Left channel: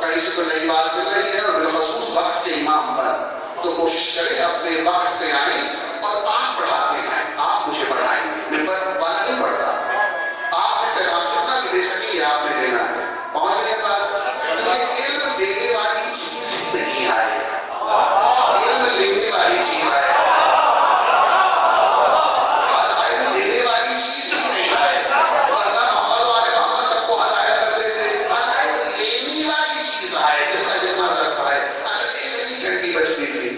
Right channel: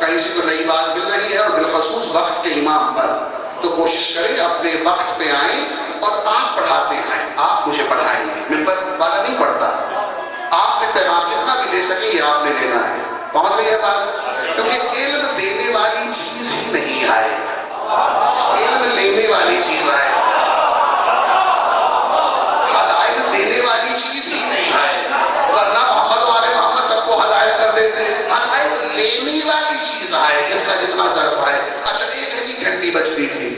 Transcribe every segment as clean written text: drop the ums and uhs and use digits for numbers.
کہیں سے تو نئی بات مل رہی ہے اور بالخصوص وقت کے امام پر، تو کوشش کریں اپنے وقت پہ آئیں اور آپ پڑھاتے ہیں، آپ مجھے پڑھائیں گے، منبر والا نہیں پڑھتا، آپ نے پیغام جتنا بھی لے سکیں یہ آپ نے دینا ہے، پہنچ گئی ہے بات؟ کیونکہ علم دینے والی چیز ہی نہیں آئے، علم لینے والی چیز آئے، ہدایت دینے والی چیز ہی نہیں آئے، ورنہ محمد والے محمد سب کو ہدایت کر دیتے، ہدایت لینے والی چیز آئے جس کا جتنا ظرف آئے۔ اچھا ایک ہے جی گھنٹی بجتی تھی،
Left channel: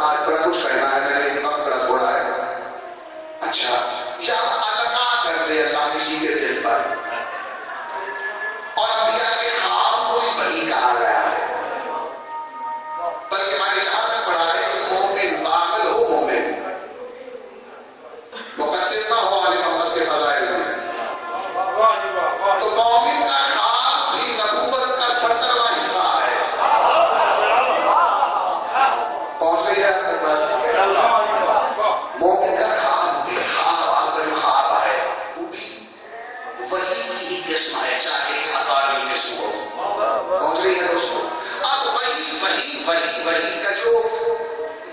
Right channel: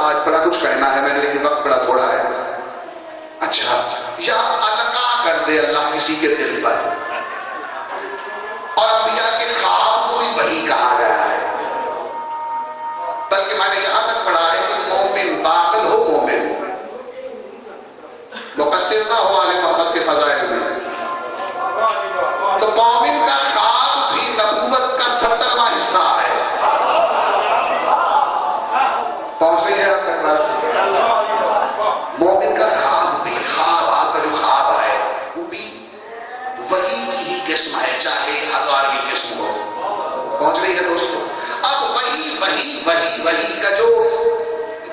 آج بڑا کچھ کہنا ہے میں نے لیکن وقت بڑا تھوڑا ہے۔ اچھا یا القا کر دے اللہ کسی کے دل پر، اور انبیاء کے خواب کو بھی وحی کہا گیا ہے، بلکہ میں نے یہاں تک پڑھا ہے کہ مومن داخل ہو، مومن مقصر نہ ہو آل محمد کے فضائل میں، تو مومن کا خواب بھی نبوت کا 70واں حصہ ہے۔ پہنچ گئی ہے آپ تک بات؟ مومن کا خواب بھی، خواب آپ کا جو خواب آئے وہ بھی وحی کی ہی قسم ہے، چاہے 1000ویں قسم ہو۔ پہنچ گئی ہے دوستو؟ اب وحی کا جو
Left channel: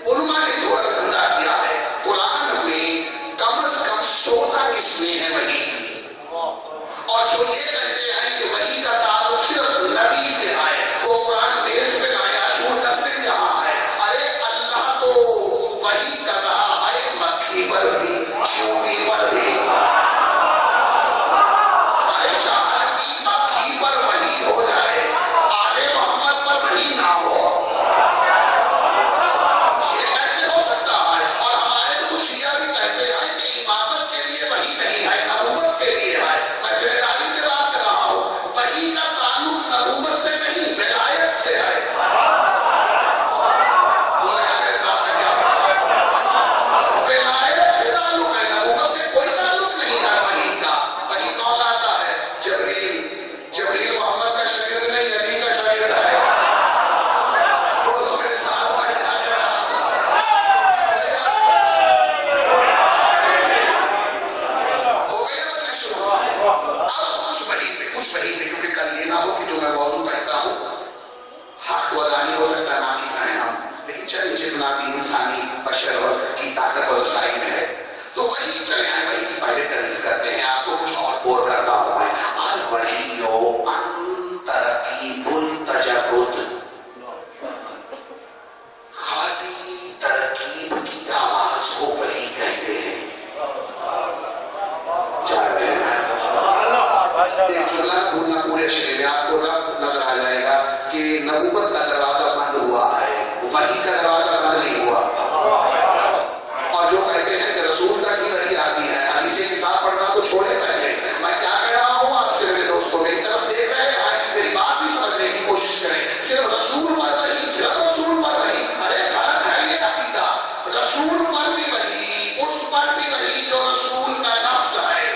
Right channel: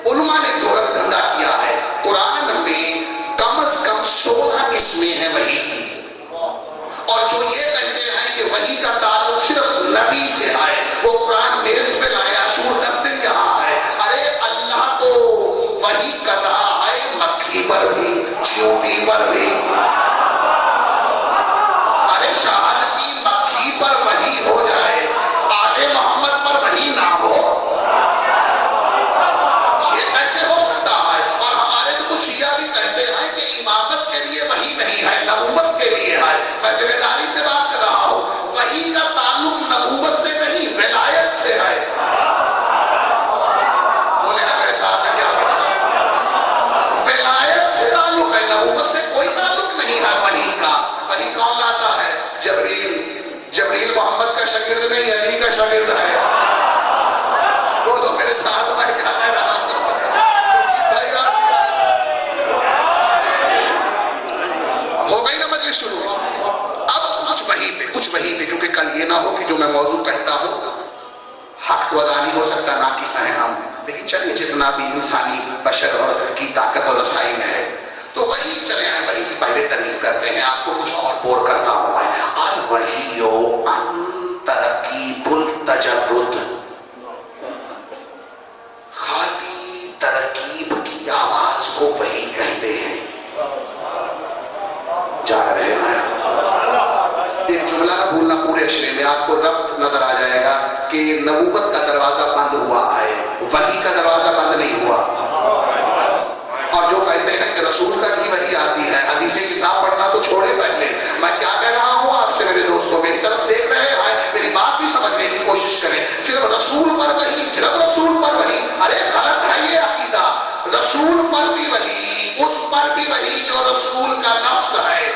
علماء نے دورت دھندا کیا ہے، قرآن میں کم از کم 16 قسمیں ہیں وحی کی، اور جو یہ کہتے ہیں کہ وحی کا تعلق صرف نبی سے آئے، وہ قرآن بیس پہ لائے، عاشور دستر یہاں ہے، ارے اللہ تو وحی کر رہا ہے مکھی پر بھی، چیونٹی پر بھی، ارے شہادتی مکھی پر وحی ہو جائے، آل محمد پر وحی نہ ہو، یہ کیسے ہو سکتا ہے؟ اور ہمارے تو کچھ شیعہ بھی کہتے ہیں کہ امامت کے لیے وحی نہیں ہے، نبوت کے لیے ہے۔ میں ذمہ داری سے بات کر رہا ہوں، وحی کا تعلق نبوت سے نہیں، ولایت سے ہے۔ بولے گا میرے ساتھ میں کیا پڑھا؟ ولایت سے تعلق ہے، نبوت سے کوئی تعلق نہیں ہے وحی کا۔ وحی کون لاتا ہے؟ جبریل۔ جبریل محمد کا شاگرد نہیں، علی کا شاگرد ہے۔ بولو میرے ساتھ میں کیا کہہ رہا ہوں؟ ہو گئی نا مجلس شروع؟ اب کچھ وحی پہ کیونکہ کل یہ نہ ہو کہ جو میں موضوع کہتا ہوں حق تو ادا نہیں ہو سکتا، ناقص ہیں ہم، لیکن چلیے جتنا بھی انسانی بشر کی طاقت اور وسائل ہے تو وہی چلے ہیں، وہی کی پہلے تعریف کرتے ہیں، آپ کو کچھ اور بور کرتا ہوں میں۔ الوحی ان ترکیب التجرد، خالی ترکیب کی آواز کو وحی کہتے ہیں۔ جا رہے ہیں یہ جملہ نہ بھولنا، پورے شعر میں آپ کو ربط نظر آ جائے گا کہ نبوت کا دروازہ بند ہوا ہے، وحی کا دروازہ بند نہیں ہوا۔ اور جو کہتے ہیں کہ رسول کا ہی وحی آتی ہے، حدیث کتاب پڑھنا تو چھوڑے پہلے، میں کیا کہہ رہا ہوں آپ سے میرے دوستوں، میری طرف دیکھ رہے ہیں، میری بات بھی سمجھنے کی کوشش کریں۔ صرف رسول پر وحی، صرف رسول پر وحی، ارے غلط ہے یہ عقیدہ۔ رسول پر بھی وحی، اس پر بھی وحی جو رسول کا نفس ہے،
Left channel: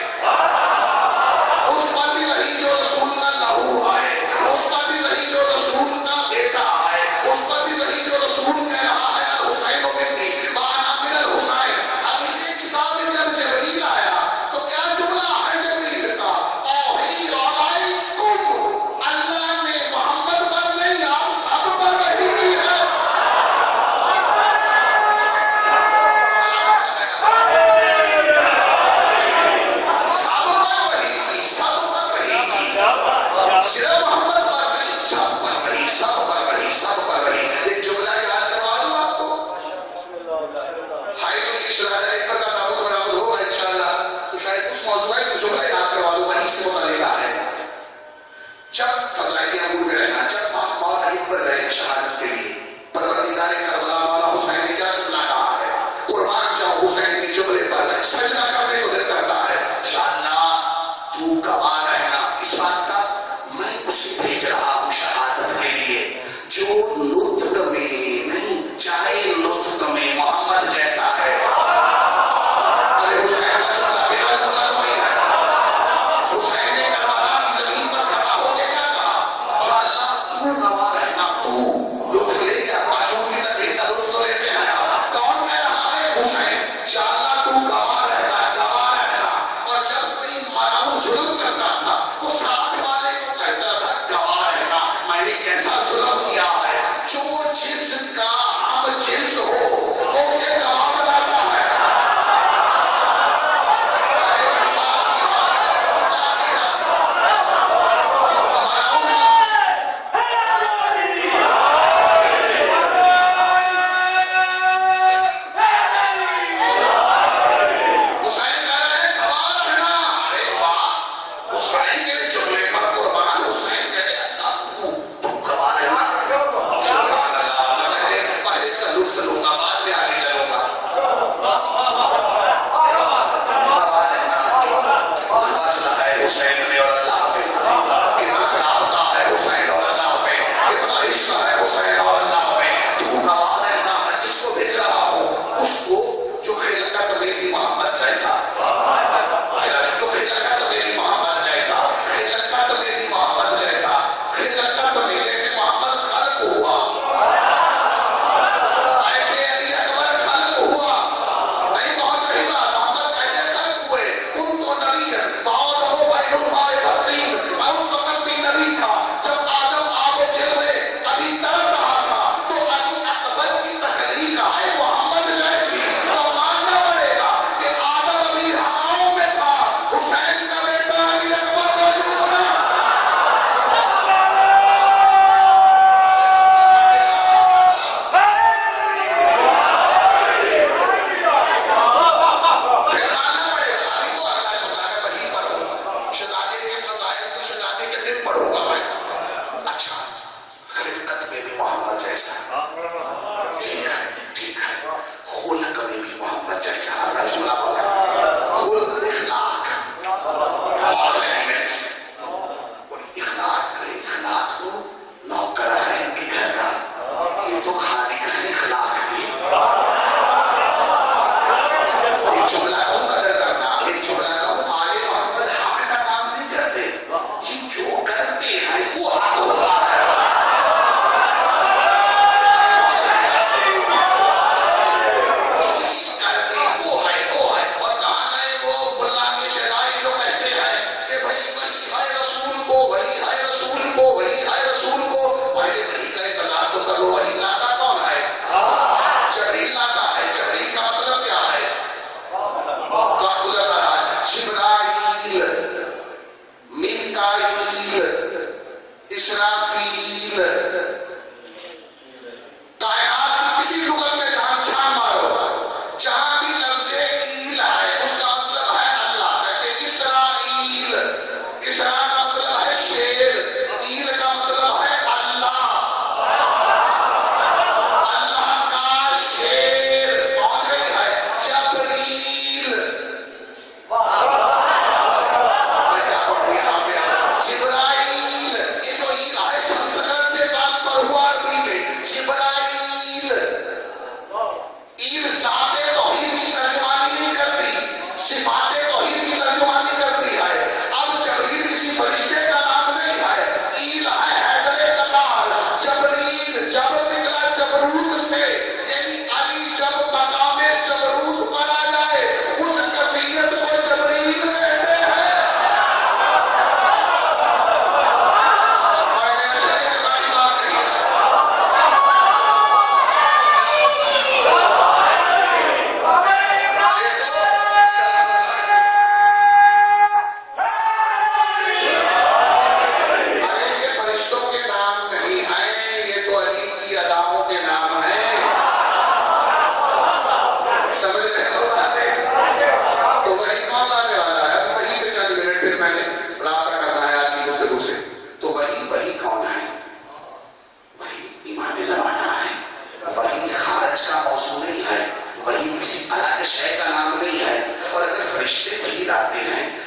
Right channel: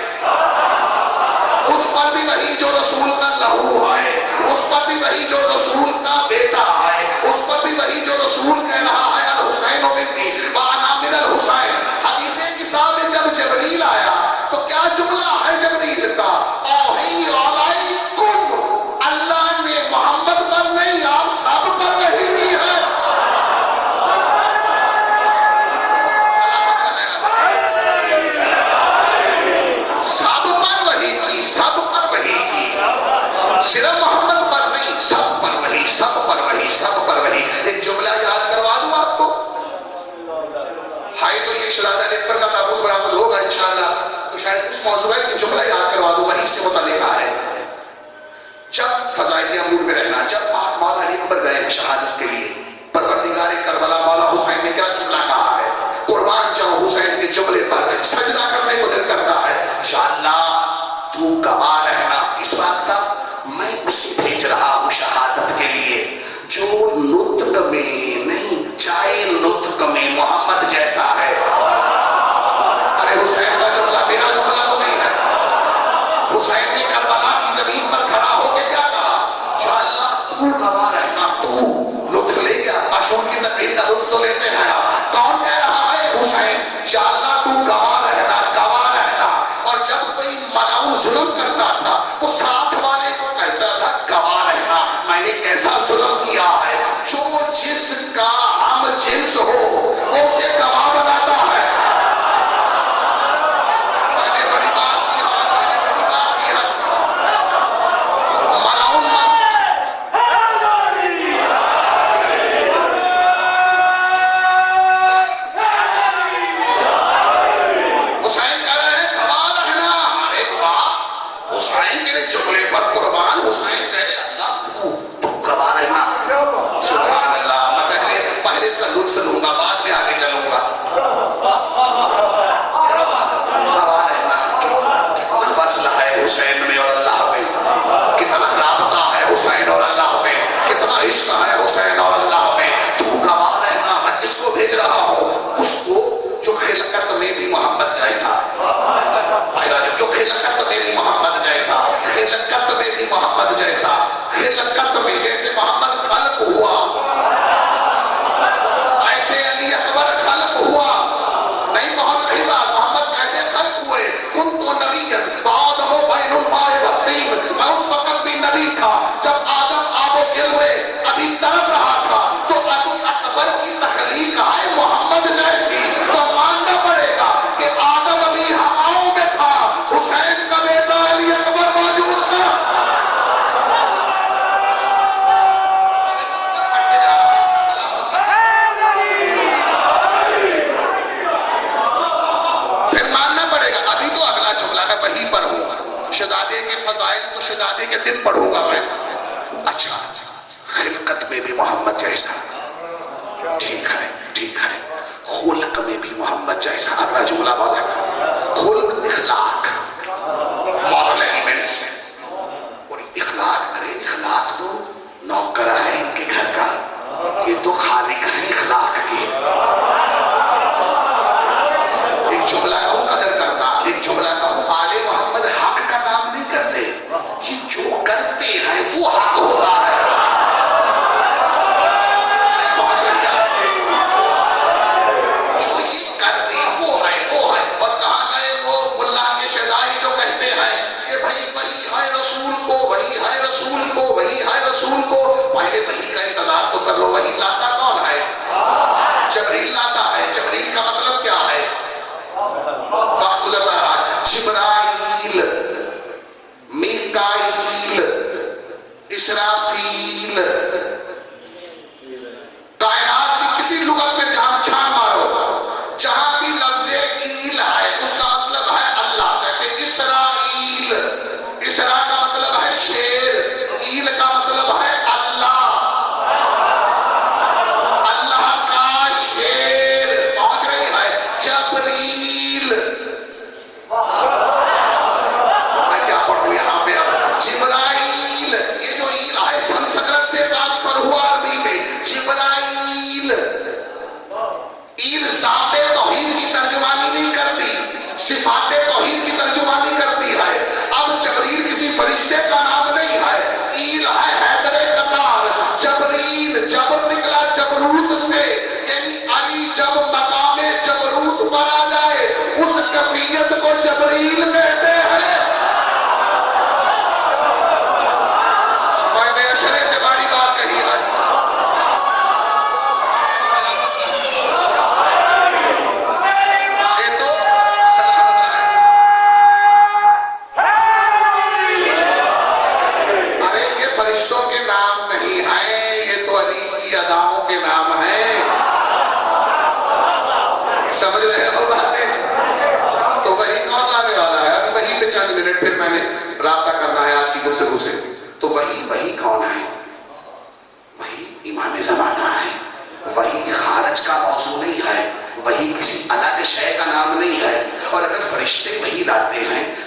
اس پر بھی وحی جو رسول کا لہو ہے، اس پر بھی وحی جو رسول کا بیٹا ہے، اس پر بھی وحی جو رسول کہہ رہا ہے الحسین ابنی وانا من الحسین۔ حدیث کتاب میں جب جبریل آیا تو کیا جملہ ہے جبریل کا؟ اوحی علیکم، اللہ نے محمد پر نہیں آپ سب پر وحی دی ہے۔ سب پر وحی کی، سب پر وحی کی، صرف محمد پر نہیں، سب پر وحی، سب پر وحی، سب پر وحی۔ ایک جملہ یاد کروا دوں آپ کو، ہائی تو یہ شہادت ایک پر کا تابوت برآمد ہوگا انشاءاللہ، تو شاید اس موضوع ہے کہ جملہ یاد کروا دوں، وحی سے متعلقہ ہے۔ جب فضائلیہ موڈ میں رہنا، جب مولا علی اکبر گئے ہیں شہادت کے لیے، پروردگار کربلا مولا حسین نے کیا جملہ کہا ہے؟ قربان جاؤں حسین کے جملے پر سجدہ کرنے کو دل کرتا ہے، یا اللہ تو گواہ رہنا اس بات کا، میں اسے بھیج رہا ہوں شہادت کے لیے جو نطق میں نہیں، چاہے نطق میں محمد جیسا ہے۔ ارے حسین کا جملہ میرا جملہ تو نہیں ہے، حسین نے کربلا کی زمین پر کھڑا ہو کے کیا کہا؟ یا اللہ تو گواہ رہنا، تو لطف لے گیا، عاشور کی تقریر کا لطف تو لیتے ہیں آپ، کون کہہ رہا ہے؟ حسین۔ یا اللہ تو گواہ رہنا، نوکر ہے ان کے گھر کا، یہ تو خالق ہے اخلاق کے. ایک جملہ کہوں قدر کرنا، ایک جملہ کہوں آل محمد حق کا کام نہیں کرتے، یہ جو کرتے ہیں وہ حق ہوتا ہے.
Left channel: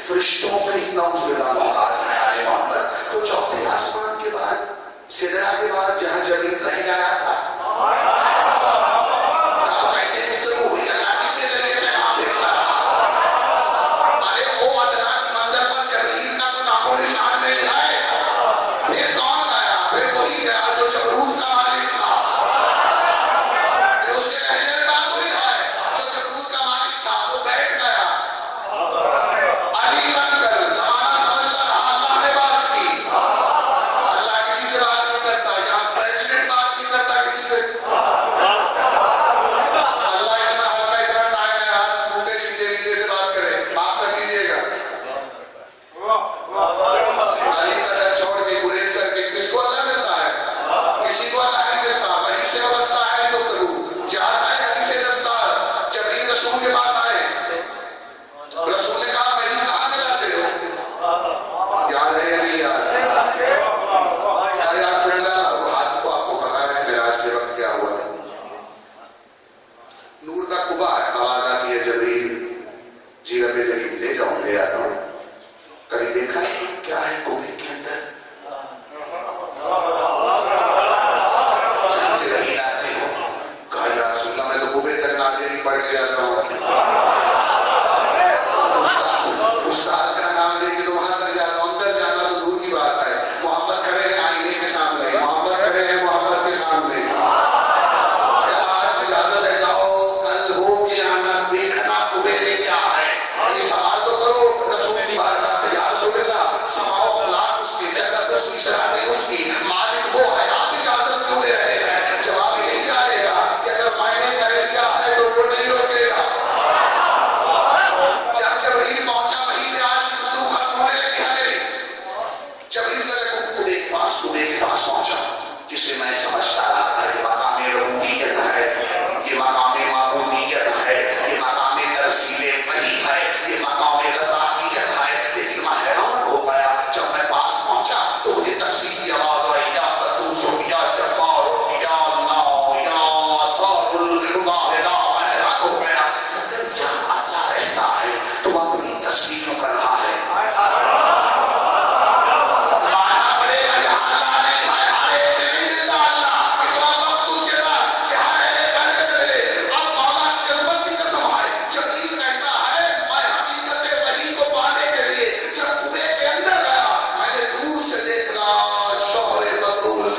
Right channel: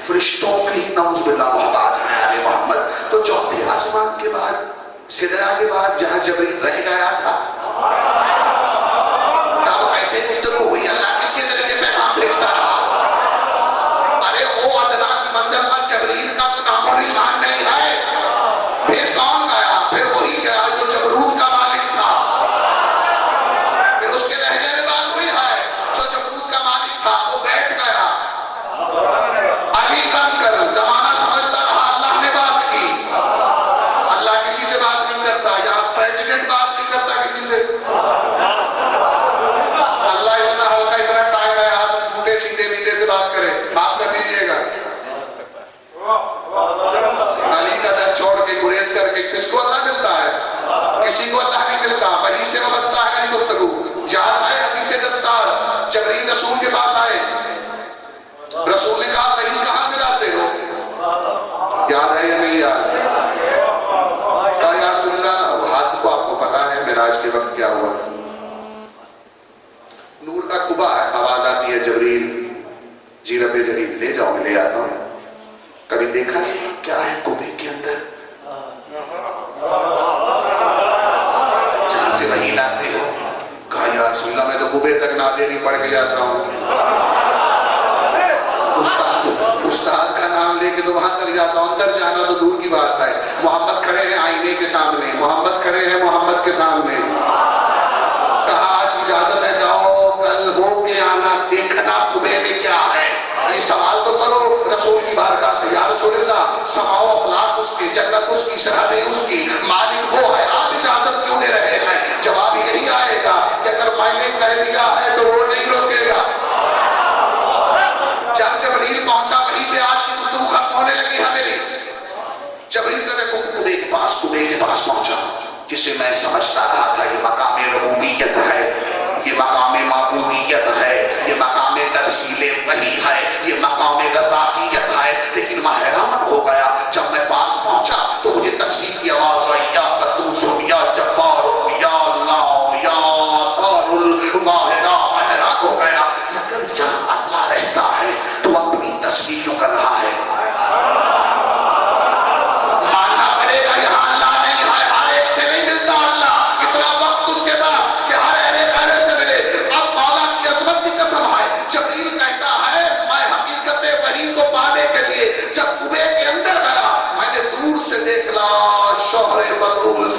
فرشتوں کے نعوذ باللہ محتاج ہیں آل محمد. تو چوتھے آسمان کے بعد سدرا کے بعد جہاں جبریل رہ گیا تھا تب ایسے گفتگو ہوئی اللہ کس کے ذریعے پیغام بھیجتا رہا. ارے وہ ادنا کی منزل پر جبریل کا تو نام و نشان نہیں ہے. پھر کون گیا؟ پھر وہی گیا جو جبروت کا مالک تھا. پھر اس کے لہجے میں بات ہوئی ہے جو جبروت کا مالک تھا وہ بیٹھ گیا. رسول کے پاس آئے، رسول نے کہا کہیں کہاں سے جاتے ہو؟ یاد ہے یا نہیں یاد؟ کہا یا رسول اللہ حد کو آپ کو پتا ہے معراج کے وقت کیا ہوا تھا. نور کا قبا ہے، آواز آتی ہے جبریل جی رب جلیل لے جاؤ لے آتا ہوں. کبھی دیکھا نہیں کیا ہے قبے کے اندر؟ جہاں سے وہی لاتے ہو. کہا یا رسول اللہ میں تو قبے تک نادری پڑھ کے جاتا ہوں. استاد کا نام لے کے تو وہاں تک جاتا ہوں، اندر جانا تو دور کی بات ہے. محمد کھڑے ہیں آئینے کے سامنے، محمد کھڑے ہیں محمد کے سامنے. کہا آج اجازت ہے جاؤ، کل ہو کے آنا دیکھنا قبے میں کیا ہے. یہ سوال تو کرو رسول کی بارگاہ سے، یا رسول اللہ سماع و اخلاق اس کی، جنت اس کی، سرحدیں اس کی، مالک وہ ہے، آپ اجازت کیوں دے رہے ہیں؟ جواب یہی آئے گا کہ اگر میں نے کہہ دیا ہے تو وہ نہیں روکے گا. جب جبریل پہنچا وہیں پہ آج کی گفتگو ختم ہونے لگی ہے میری. جبریل قبے کے پاس پہنچا جسے میں سمجھتا رہا تھا یہ مقام ربوبیت ہے، یہ مقام معبودیت ہے، یہ مقام ترسیل وحی ہے، یہ مقام رضائیت ہے. لیکن میں حیران ہو گیا جب میں پاس پہنچا تو مجھے تسبیح کی آواز آئی، یا قدوس یا جبار یا اللہ یا صار الواحد. میں حیران ہو گیا اگر جہاں اللہ رہتا ہے تو اپنی تسبیح کیوں کر رہا ہے؟ ماننا پڑے گا یہاں اللہ نہیں ہے، ہر ایک سے نہیں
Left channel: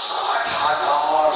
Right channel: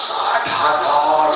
60,000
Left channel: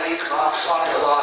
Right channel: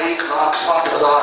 1,60,000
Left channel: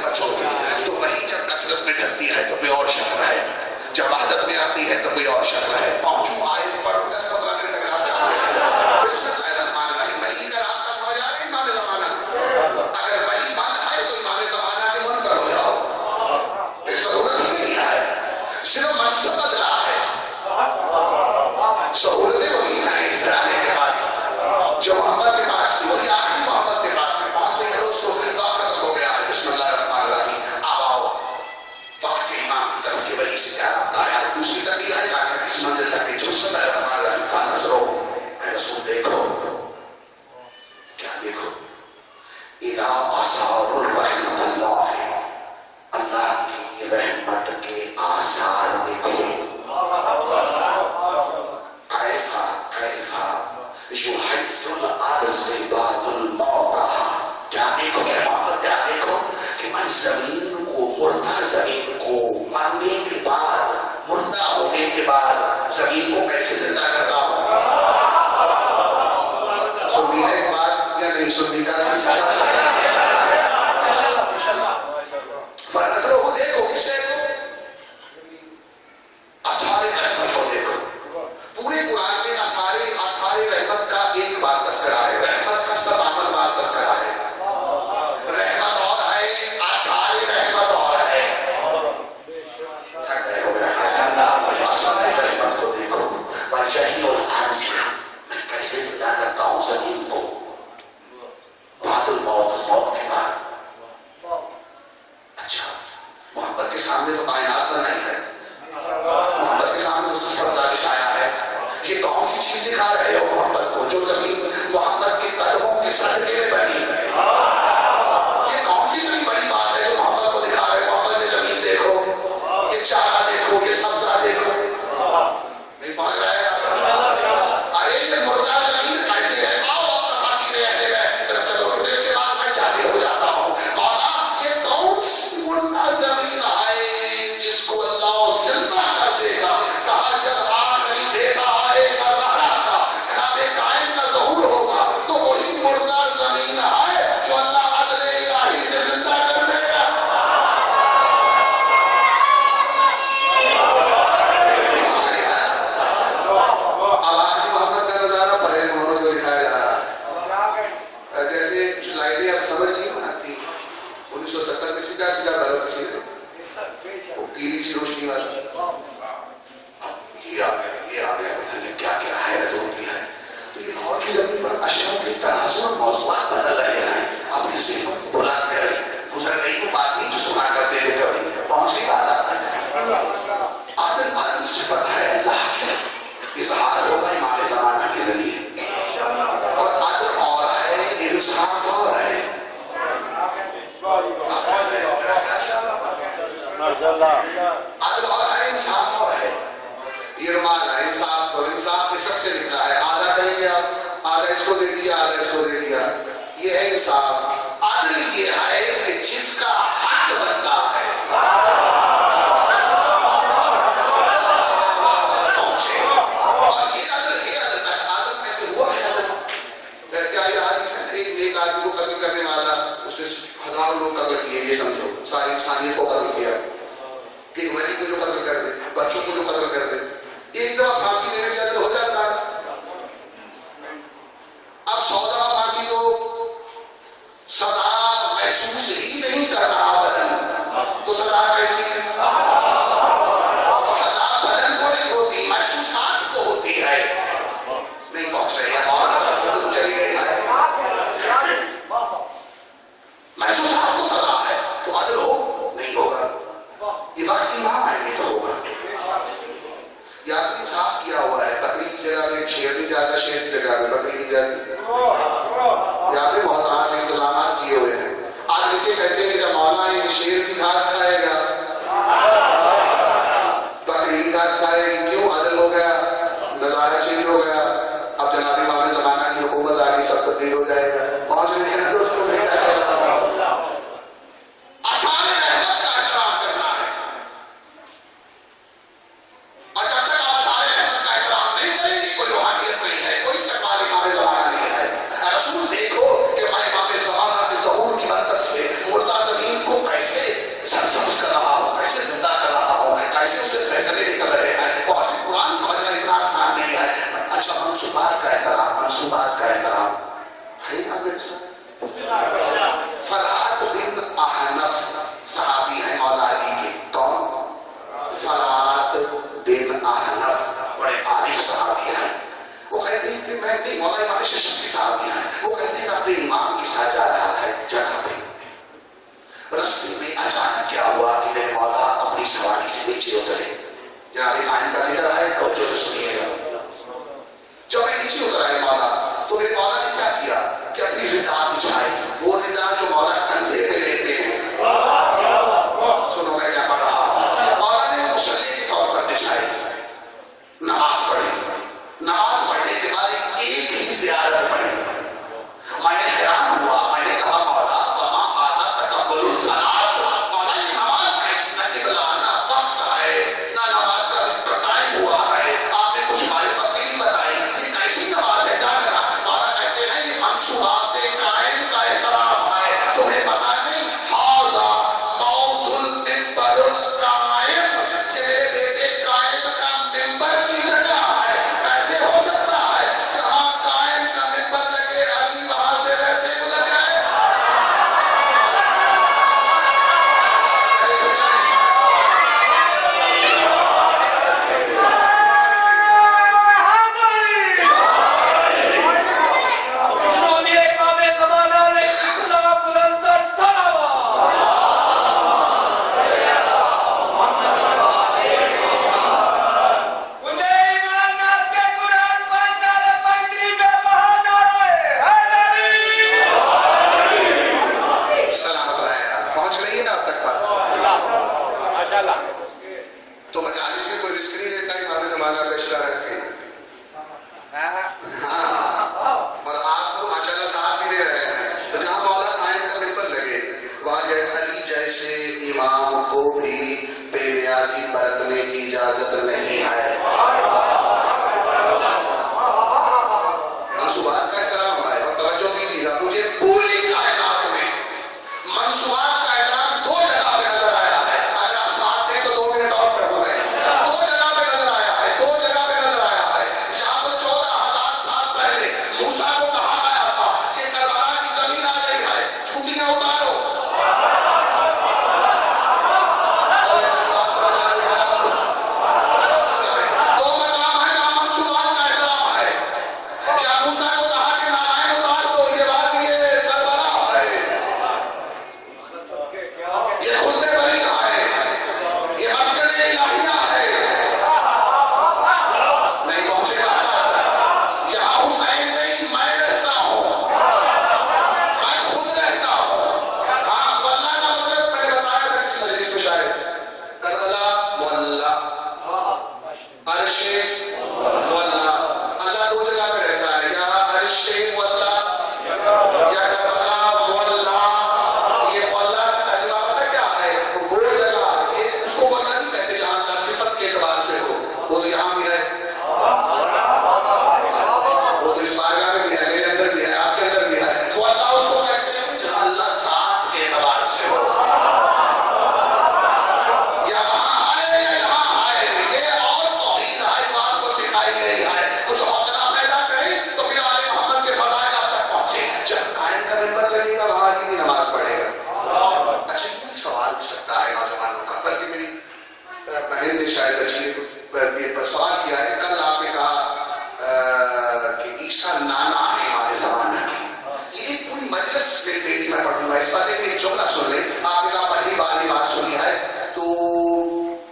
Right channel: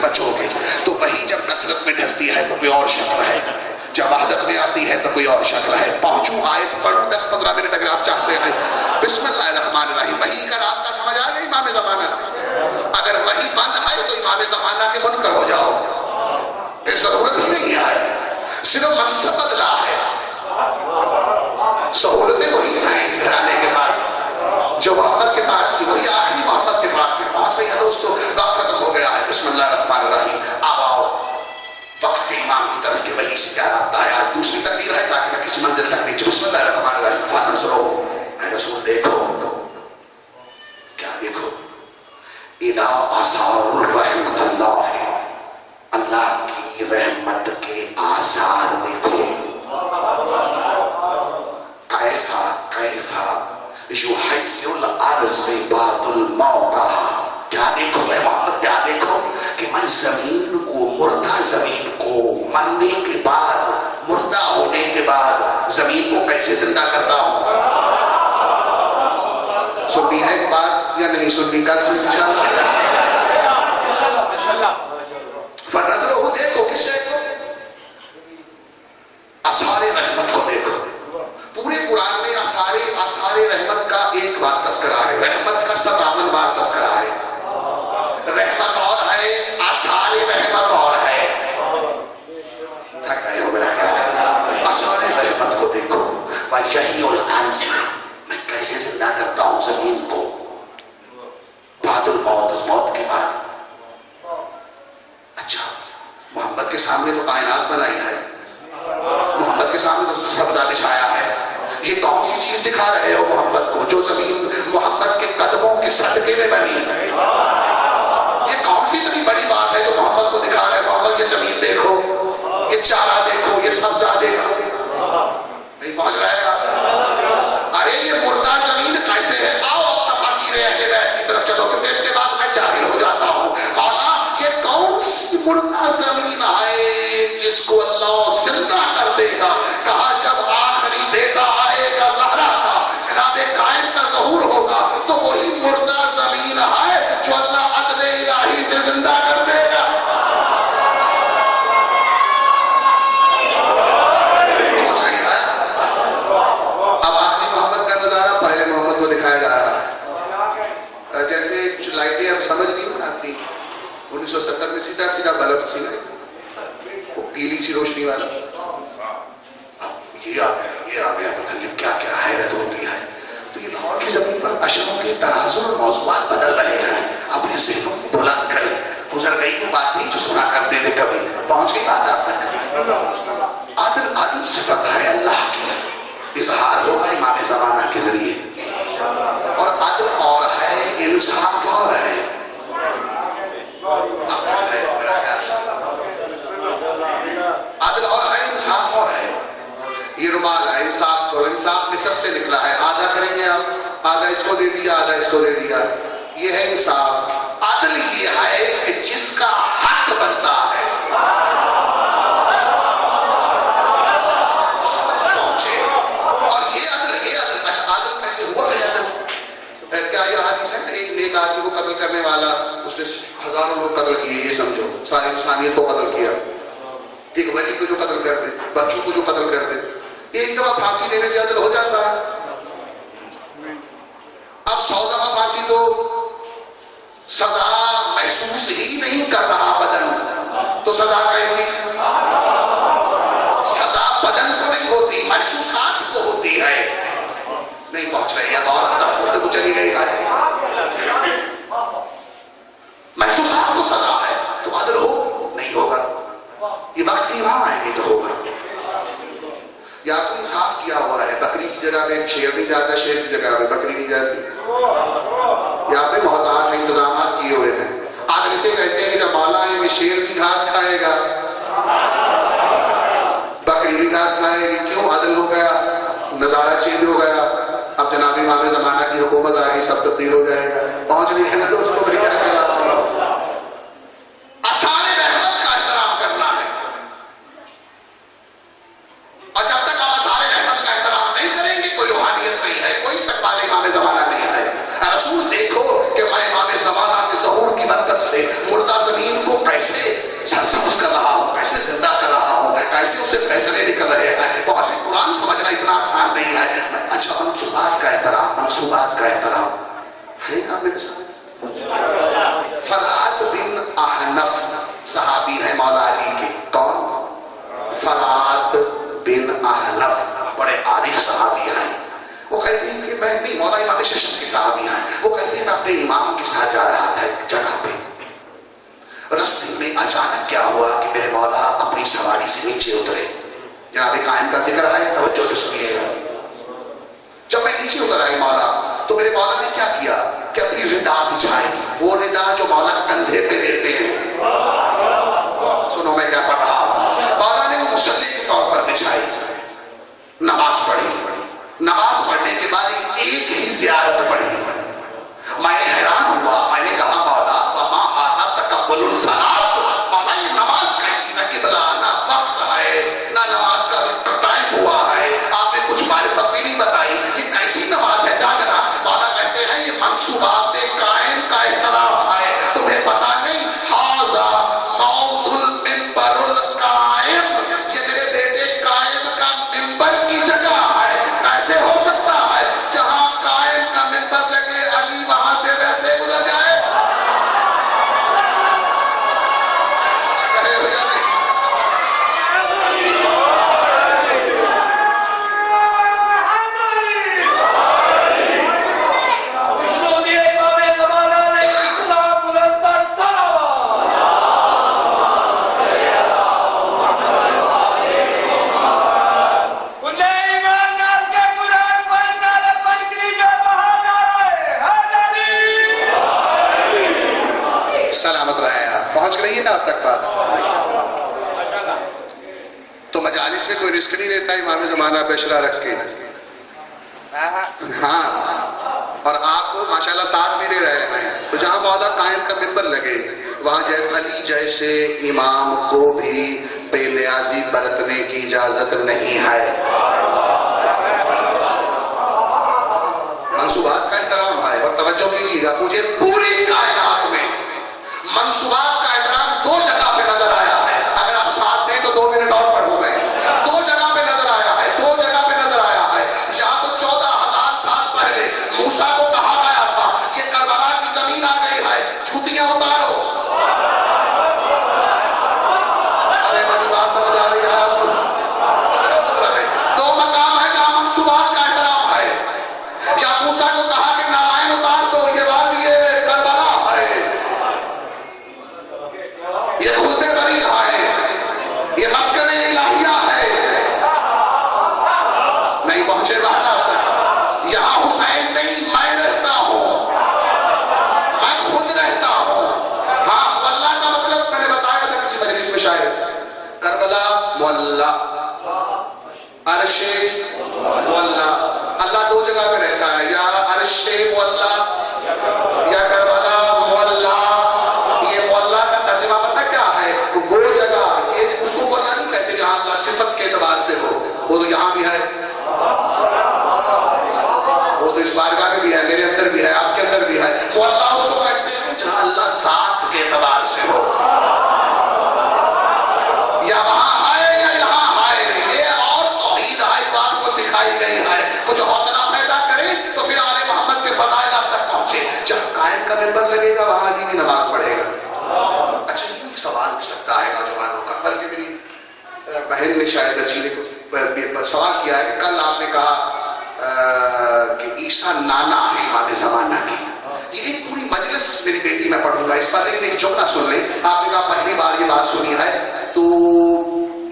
سے بچو گے. تو وہی جب کثرت میں ڈھلتی ہے تو کوئی اور شکل ہے, جب وحدت میں آتی ہے تو کوئی اور شکل ہے. پہنچوں آیت پڑھوں 10-15 منٹ اگر آپ چاہتے ہیں. بسم اللہ الرحمن الرحیم. وحی کا رابطہ سمجھ آ رہا ہے امام زمانہ سے؟ اگر وحی بند ہے تو امام زمانہ کے منکر ہو جاؤ, پھر ضرورت ہی نہیں ہے, صرف منصب بدلا ہے. سہولتیں وہی ہیں اس گھرانے کے پاس جو محمد کے پاس تھی, وہی آخری محمد کے پاس تھی. پہنچ گئی ہے دوستو, وقت ختم ہو گیا ہے. بسم اللہ الرحمن الرحیم. اب آؤ وقت کے امام کی طرف کے وحی سے کیا رابطہ ہے. آج دوسری تکبیر ہے تاکہ میں کسی منزل تک نہیں. بسم اللہ الرحمن الرحیم. فانظروا, اے رسول دیکھو, کیا دیکھو, اذا آثار الرحمت اللہ, اللہ کی رحمت کے آثار دیکھو. کیفا یحیی الارض بعد الموتہا. کیا دیکھو اے محمد, کیا دیکھو کہ میں زمین کو, مردہ زمین کو مرنے کے بعد, مردہ ہونے کے بعد زمین کو کیسے زندہ کرتا ہوں. سنی ہے ایک بات یا نہیں سنی کا صرف فنظرہ دیکھو, کس دیکھو, اثار رحمت کو دیکھو. پورے قرآن میں اثار رحمت کا ایک بار تذکرہ ہے, رحمت کا 57 بار تذکرہ ہے. رحمت اور ہے, اثار رحمت اور ہے. اثار رحمت کو دیکھو. وَيَحْيِي الْأَرْضَ, میں کیسے زندہ کرتا ہوں زمین کو بعد الموت, موت کے بعد. اچھا, محمد کے سامنے تو کائنات بنائی ہے, محمد کے سامنے تو سبزہ بچھایا ہے. یہ کون سی چیز دکھا رہے ہو محمد کو جو زمین محمد کے قدموں کے صدقے میں بنی. یہ کون سی اتنی بڑی بات ہے جو محمد کو دکھا رہے ہو. محمد یہ زمین دیکھو, یہ چارہ دیکھو, یہ سبزہ دیکھو. نہیں پہنچ رہے گا. ارے یہ مردہ زمین کیسے ہے. آؤ اب تفاسیر اہل بیت کی طرف چلو, کیونکہ اس کے بعد میں جاہل ہو جاتا ہوں. مولا یہ کون سی مردہ زمین ہے جس کو اللہ زندہ کر دے گا. کہا جب آخری بیٹا آئے گا زہرا کا, جناب قائم کا ظہور ہوگا, تو وہی مردہ زمین ہے جو اللہ عدل الہی سے زندہ کر دے گا. اب آخری محمد کا نظارہ پہلے محمد کو دکھایا جا رہا ہے. جیسے کچھ لائٹیں اب سمجھ نہیں آتی. 1970 میں سیدھا سیدھا بلب سی نا, وہ پیلی سی روشنی والا. اب یہ آ گیا پتہ نہیں کیا کیا حیرت ہوتی ہے. تو یہ لاہور کی زمین پر اشروں کے ترازو اور موضوعات بدل رہے ہیں. اپنے ذہنوں کو بلند کریں. گزر گئی وہ بات نہیں جو سنا کرتے تھے کبھی, پہنچ گئی بات آتا ہے. عدل صفت ہے اللہ کی, اظہار ہوگا امام زمانہ کے ذریعے. اور عدل اور ہے, انصاف اور ہے. عدل اور ہے, انصاف اور ہے. یہ رومال ہے, انصاف کرو. انصاف نصف سے نکلا ہے, آدھا کریں گے آپ, آدھا اس کو دے دیا, آدھا اس کو دے دیا. یہ ہے انصاف. عدل یہ ہے کہ جس کا حق بنتا ہے اس پر پہنچے. اور یہ عدل اچھا عدل کیسے ہوا ہے. عدل کیا یہ حدیث ہے, ایک نیک آدمی کو قتل کرنے والا, اس نے ہزاروں لوگ قتل کیے, یہ سمجھو ساری انسانیت کو قتل کیا. ایک ولی کو جو قتل کر دے, بچوں کو جو قتل کر دے, ایک دفعہ پھانسی دینے سے عدل ہو جاتا ہے. اب 100 دفعہ پھانسی دو, سزا محسوس ہی نہیں کر رہا بدن, تو سزا کیسی. سزا بدن کو نہیں ہوتی, محسوسات کو ہوتی ہے. نہیں پہنچ رہی ہے, اور گفتگو چلی گئی ہے. محسوسات کو سزا ہے تو عدل ہو نہیں ہوگا. یہ وقت کی امام آئیں گے تو ہوگا. یا تو انصاف کیا ہوا ہے, بکری کی جگہ پہ شیر نہیں جاتا, شیر کی جگہ پہ بکری نہیں جاتی. یا پہ محتاط انتظامات کیے ہوئے ہیں. عدل اسے کہتے ہیں کہ جب مولا آئیں گے شیر کی گھاس کھائے گا, بکری کی گھاس کھائے گی. کیوں عدل ہو گیا, نظارہ چینج ہو گیا. اب جناب امام زمانہ کی حکومت آ گئی, سب تبدیل ہو جائے گا. پہنچ نہیں ہے تو اس کو کیا کہتے ہیں. اثار رحمت کا احترام کرنا ہے. اور جب تک آپ اثار رحمت کا احترام نہیں کریں گے, کوئی روحانیت نہیں ہے, کوئی استقبال امام زمانہ نہیں ہے. رسول دیکھو کہ میں امام زمانہ کے ظہور کی برکت سے مردہ زمین کو کیسے لیکن بیٹھ نہیں، مولا امام ششم کی صحابی ہیں، وہ کہتے ہیں اپنے امام کے ساتھ جا رہا تھا ایک جگہ پہ، رستے میں اچانک کیا ہوا کہ میرے مولا اپنی سواری سے نیچے اترے. جناب قائم کا ذکر ہے، توجہ سے سنیے. جب میں نیچے اتر آئے مولا تو میرے مولا نے کیا کیا کہ اپنی ردا بچھائی، وہ ردا جو مولا کندھے پہ لیتے ہیں. سنو میں کیا پڑھ رہا ہوں. مولا نے وہ مصلی کے طور پر بچھائی، نماز پڑھی. نماز پڑھنے کے بعد ایک ہی زیارت پڑھی. میں نے حیران ہوا، میں نے کہا مولا وما ھذا تقبل الصلاۃ، مولا یہ نماز کیسی نہ قبلہ نہ وقت ہے نہ نماز کا ٹائم ہوا ہے، آپ نے کچھ معرفت بھی نہیں بتائی، یہ کیسی نماز ہے؟ کیا کرا؟ مولا کہتے ہیں یہ منصوبات قائم کا احترام ہے، تمہیں پتا نہیں ھذا موضع المنبر القائم، یہ میرے بیٹے قائم کا منبر کی جگہ ہے. کیسے ہو سکتا ہے جہاں قائم کا منبر لگے علی وہاں سے ویسے بلا جائے؟ سلامت رہے آپ. پہنچ رہی ہے آپ تک بات؟ تو مجالس میں کوئی رسک نہیں لیتا امام زمانہ پہ اشرا رکھ کے. ہاں، اور آپ کو ماشاءاللہ ساتھ میں ہی رہے ہیں. تو جہاں مولا قائم کا منبر لگے وہاں علی جیسے امام کو بھی بے نیازی برتنے کی اجازت نہیں ہے. منصوبات کا احترام ہے. اور توجہ کیجیے گا، مجھے پوری کائنات میں منصوبات کا احترام دو جگہ پہ نظر آیا ہے. اگر آپ ساتھ دیں تو 2 منٹ اور پڑھوں میں. دو جگہ پہ نظر آیا ہے، دو جگہ پہ نظر آیا ہے. یا تو 14,000 سال پہلے موسیٰ کو کہا گیا تھا یہ کربلا کی زمین آ گئی ہے، جوتیاں اتارو. ارے میری بات سمجھ آ رہی ہے آپ کو؟ دو مقام ہے جہاں منصوبات کا احترام ہے. یا موسیٰ کو کہا کہ نالائن اتار دو، یہ بات یہ کربلا ہے، یہ خلد بری ہے، یہ مسکن الہیہ ہے. نہیں پہنچے بات تک. یہاں حسین نہیں، میں رہتا ہوں، میں خود رہتا ہوں. ہاں واللہ کا مطلب میں نے بتایا تھا کسی مجلس میں شاید، کربلا معلّہ، عرش معلّہ. اللہ دو جگہ پہ رہتا ہے، یا عرش معلّہ یا کربلا معلّہ. یہ معلّہ کا ترجمہ پتہ کیا ہے؟ وہ جگہ، یہ اس کو معلّہ نہیں کہتے جہاں اللہ صفت کے اعتبار سے ہو. وہ تو یہاں بھی ہے، وہ تو اس بارگاہ میں بھی ہے، میرے اندر بھی ہے، آپ کے اندر بھی ہے. معلّہ اس کو کہتے ہیں جہاں اللہ ذات کے اعتبار سے ہو. یا وہاں ہے یا یہاں ہے. یہ اور توحید ہے جو آپ کو سکھائی گئی ہے. کچھ حوصلہ پیدا کریں تو پھر آل محمد کے فضائل آپ تک پہنچے. جب قائم کا منبر لگے گا وہاں علی بھی نماز پڑھے گا. اچھا یہ سوال اٹھ سکتا ہے نوجوانوں کا، بلکہ میری بہن نے شاید اچھی نے سوال کیا ہے. کل آپ نے کہا کہ عیسیٰ نانا ہے ہمارے زمانہ کی. یہ ایک پوری مجلس میری بیٹی میں پڑھوں گا، اس پر ایک جملہ سن لیں. آپ نے کہا پہلی بار یہ بات سنی ہے تو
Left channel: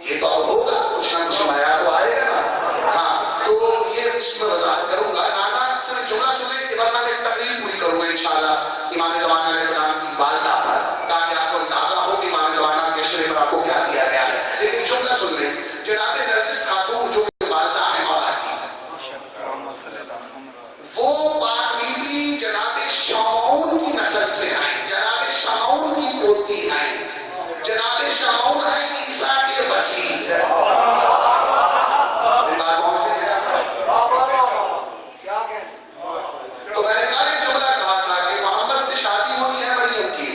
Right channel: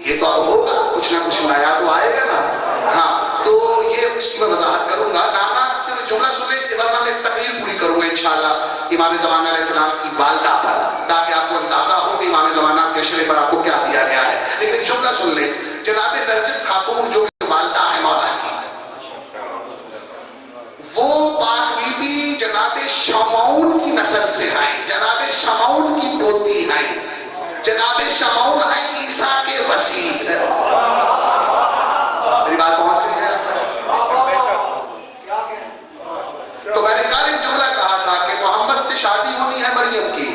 یہ تو اب ہوگا، کچھ نہ کچھ نیا تو آئے گا نا. ہاں تو یہ اس کی میں وضاحت کروں گا. نانا سے میں جملہ سن لیں، ورنہ میں تقریر پوری کروں گا انشاءاللہ امام زمانہ علیہ السلام کی والدہ پر، تاکہ آپ کو اندازہ ہو کہ امام زمانہ کے شرح پر آپ کو کیا دیا گیا ہے. لیکن جملہ سن لیں. جناب نرجس خاتون جو والدہ ہے مولا کی، وہ پاک بی بی جناب شمعون کی نسل سے ہیں، جناب شمعون کی پوتی ہیں. جناب شمعون ہے عیسیٰ کے وسیع. میری بات پہنچ گئی ہے؟ تو میں نے کل ایک جملہ کہا تھا کہ محمد سے شادی ہونی ہے مریم کی،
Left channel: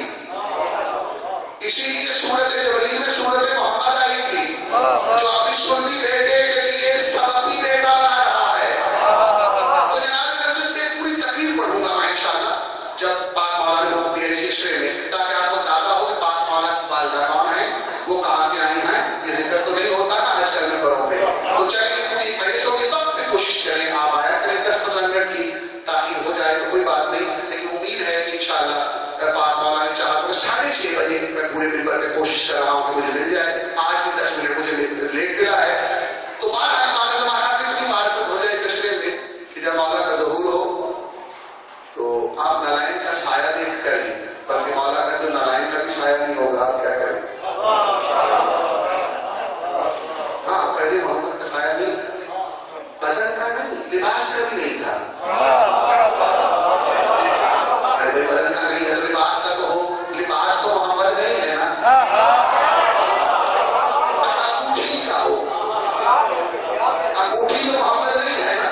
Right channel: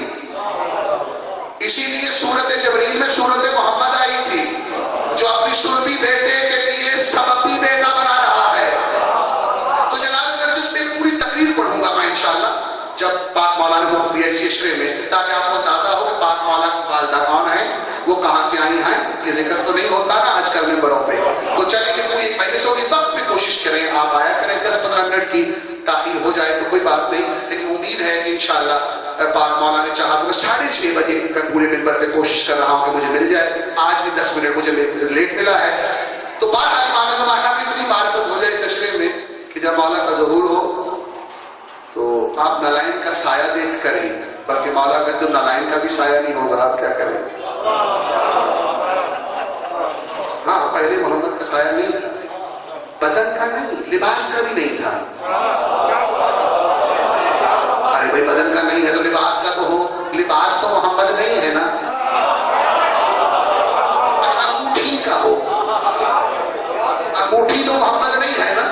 اسی لیے سورت جبریل میں سورت محمد آئی تھی جو اپنی سنبی بیٹے کے لیے سببی بیٹا بنا رہا ہے. تو جناب نرجس میں پوری تقریر پڑھوں گا میں انشاءاللہ جب پاک مولا نے حکم دیا اس اشرے میں، تاکہ آپ کو اندازہ ہو کہ پاک مولا کی والدہ کون ہے، وہ کہاں سے آئی ہیں. یہ ذکر تو نہیں ہوتا نا آج کل ممبروں پہ. تو چلیے پوری مجلس ہوگی، وقت پہ کوشش کریں آپ آیا کریں 10-15 منٹ کی میں 6:30 بجے پورے منبر پہ کوشش کر رہا ہوں کہ مجھے مل جائے. آج بھی 10 منٹ مجھے لیٹ ملا ہے. تو بات امام زمانہ کی اتنی معرفت ہو جائے اس سلسلے میں کہ جب مولا کا ظہور ہو تو آپ نالائن کا سایہ دیکھ کر ہی, بلکہ مولا کا تو نالائن کا بھی سایہ نہیں ہوگا, آپ کیا کریں. ہاں پہلے محمد کا سایہ نہیں, بدن کا نہیں, لباس کا بھی نہیں تھا. ارے بھائی بدن کا نہیں ہے تو لباس کا تو ہو, لباس تو محمد نہیں ہے نا. اچھا انگوٹھی کا ہو, انگوٹھی تو محمد نہیں ہے نا.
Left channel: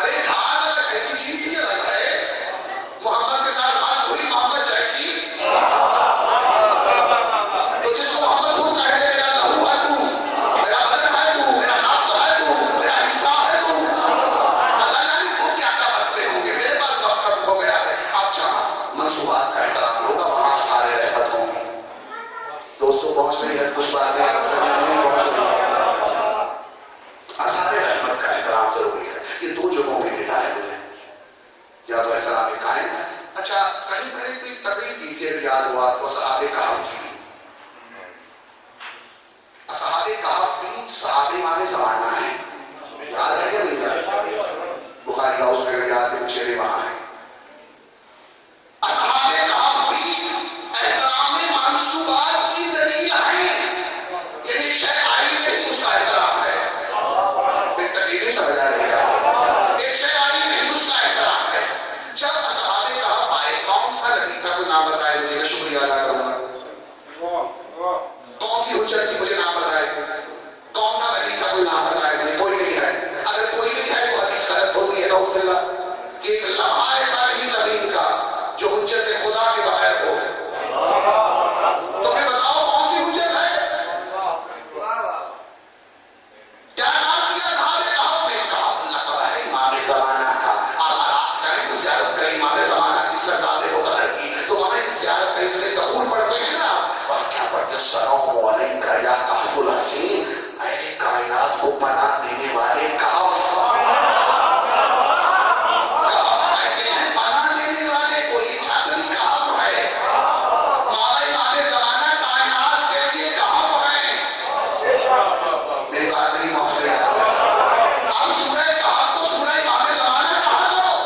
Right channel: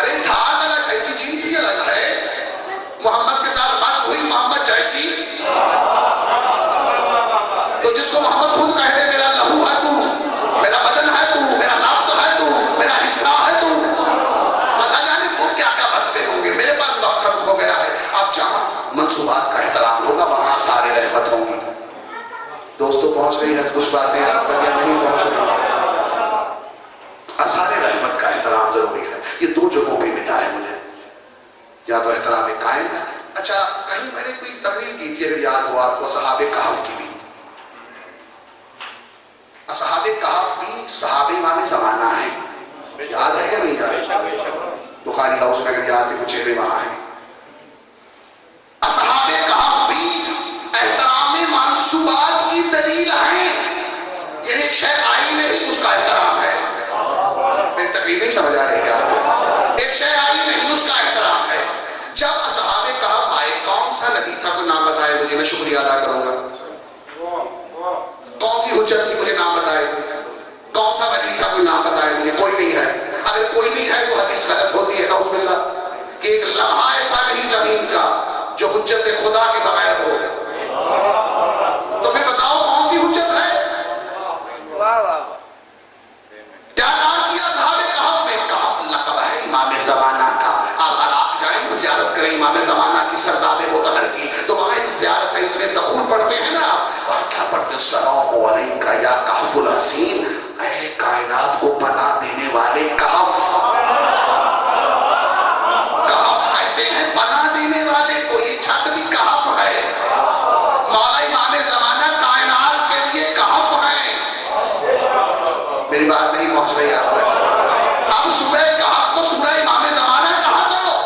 ارے دھار الگ ہے, اس کی جنس ہی الگ ہے. محمد کے ساتھ مست ہوئی محمد جیسی, تو جس کو محمد خود کہہ دے میرا لہو ہے تو, میرا بدن ہے تو, میرا نفس ہے تو, میرا حصہ ہے تو, اللہ جانے وہ کیا کیا برتنے ہوں گے. میرے پاس وقت ختم ہو گیا ہے. اب جہاں منصوبات کا احترام ہوگا وہاں سارے رحمت ہوں گی. دوستوں پہنچ رہی ہے کچھ باتیں آپ تک نہیں پہنچ رہی. سارے رحمت کا احترام ضروری ہے. یہ 2 جگہوں پہ ملا ہے مجھے, یا تو احترام قائم. اچھا کہیں میں نے کوئی تقریر کی تھی, یاد ہوا آپ کو, اصحاب کہف کی. اصحاب کہف بھی صحابہ امام زمانہ ہیں, یاد ہے کہ نہیں یاد؟ بخاری ہاؤس میں اگر یاد ہے تو چہرے وہاں ہیں. اصحاب کہف بھی احترام منصوبات کی دلیل ہیں. یعنی ایک شے آئی نہیں اس کا احترام ہے. میری تقریر نہیں سمجھ آ رہی ہے. ایک شے آئی نہیں اس کا احترام ہے. جب اصحاب کہف آئے, کون سا نبی تھا کوئی نام بتائے مجھے, میں شکریہ ادا کروں گا. کون سی حجت تھی مجھے نام بتائے. کون سا ولی تھا کوئی نام بتائے مجھے. کوئی نہیں ہے. اگر کوئی نہیں ہے تو حدیث غلط ہوتی ہے. نعوذ باللہ کہ ایک لمحہ ایسا نہیں زمین کا جو حجت خدا کے بغیر ہو. تو پھر بتاؤ کون سی حجت ہے. کیا کام کیا صحابہ کہف نے. کہف لقب ہے امام زمانہ کا. آپ عراق جائیں زیارت کریں امام زمانہ کی, سرداب مطہر کی, تو وہاں ایک زیارت ہے, اس میں دخول پڑھتے ہیں نا, اور کیا پڑھتے ہیں, السلام علیکہ یا کہف الحسین, اے کائنات کو پناہ دینے والے کہف. کہف کہتے ہیں پناہ دینے والے کو, یہ چھت بھی کہف ہے. مولا امام زمانہ کائنات کے لیے کہف ہیں. میری بات نہیں پہنچ رہی آپ کو. اب سورہ کہف کو سورہ امام زمانہ کہا کرو,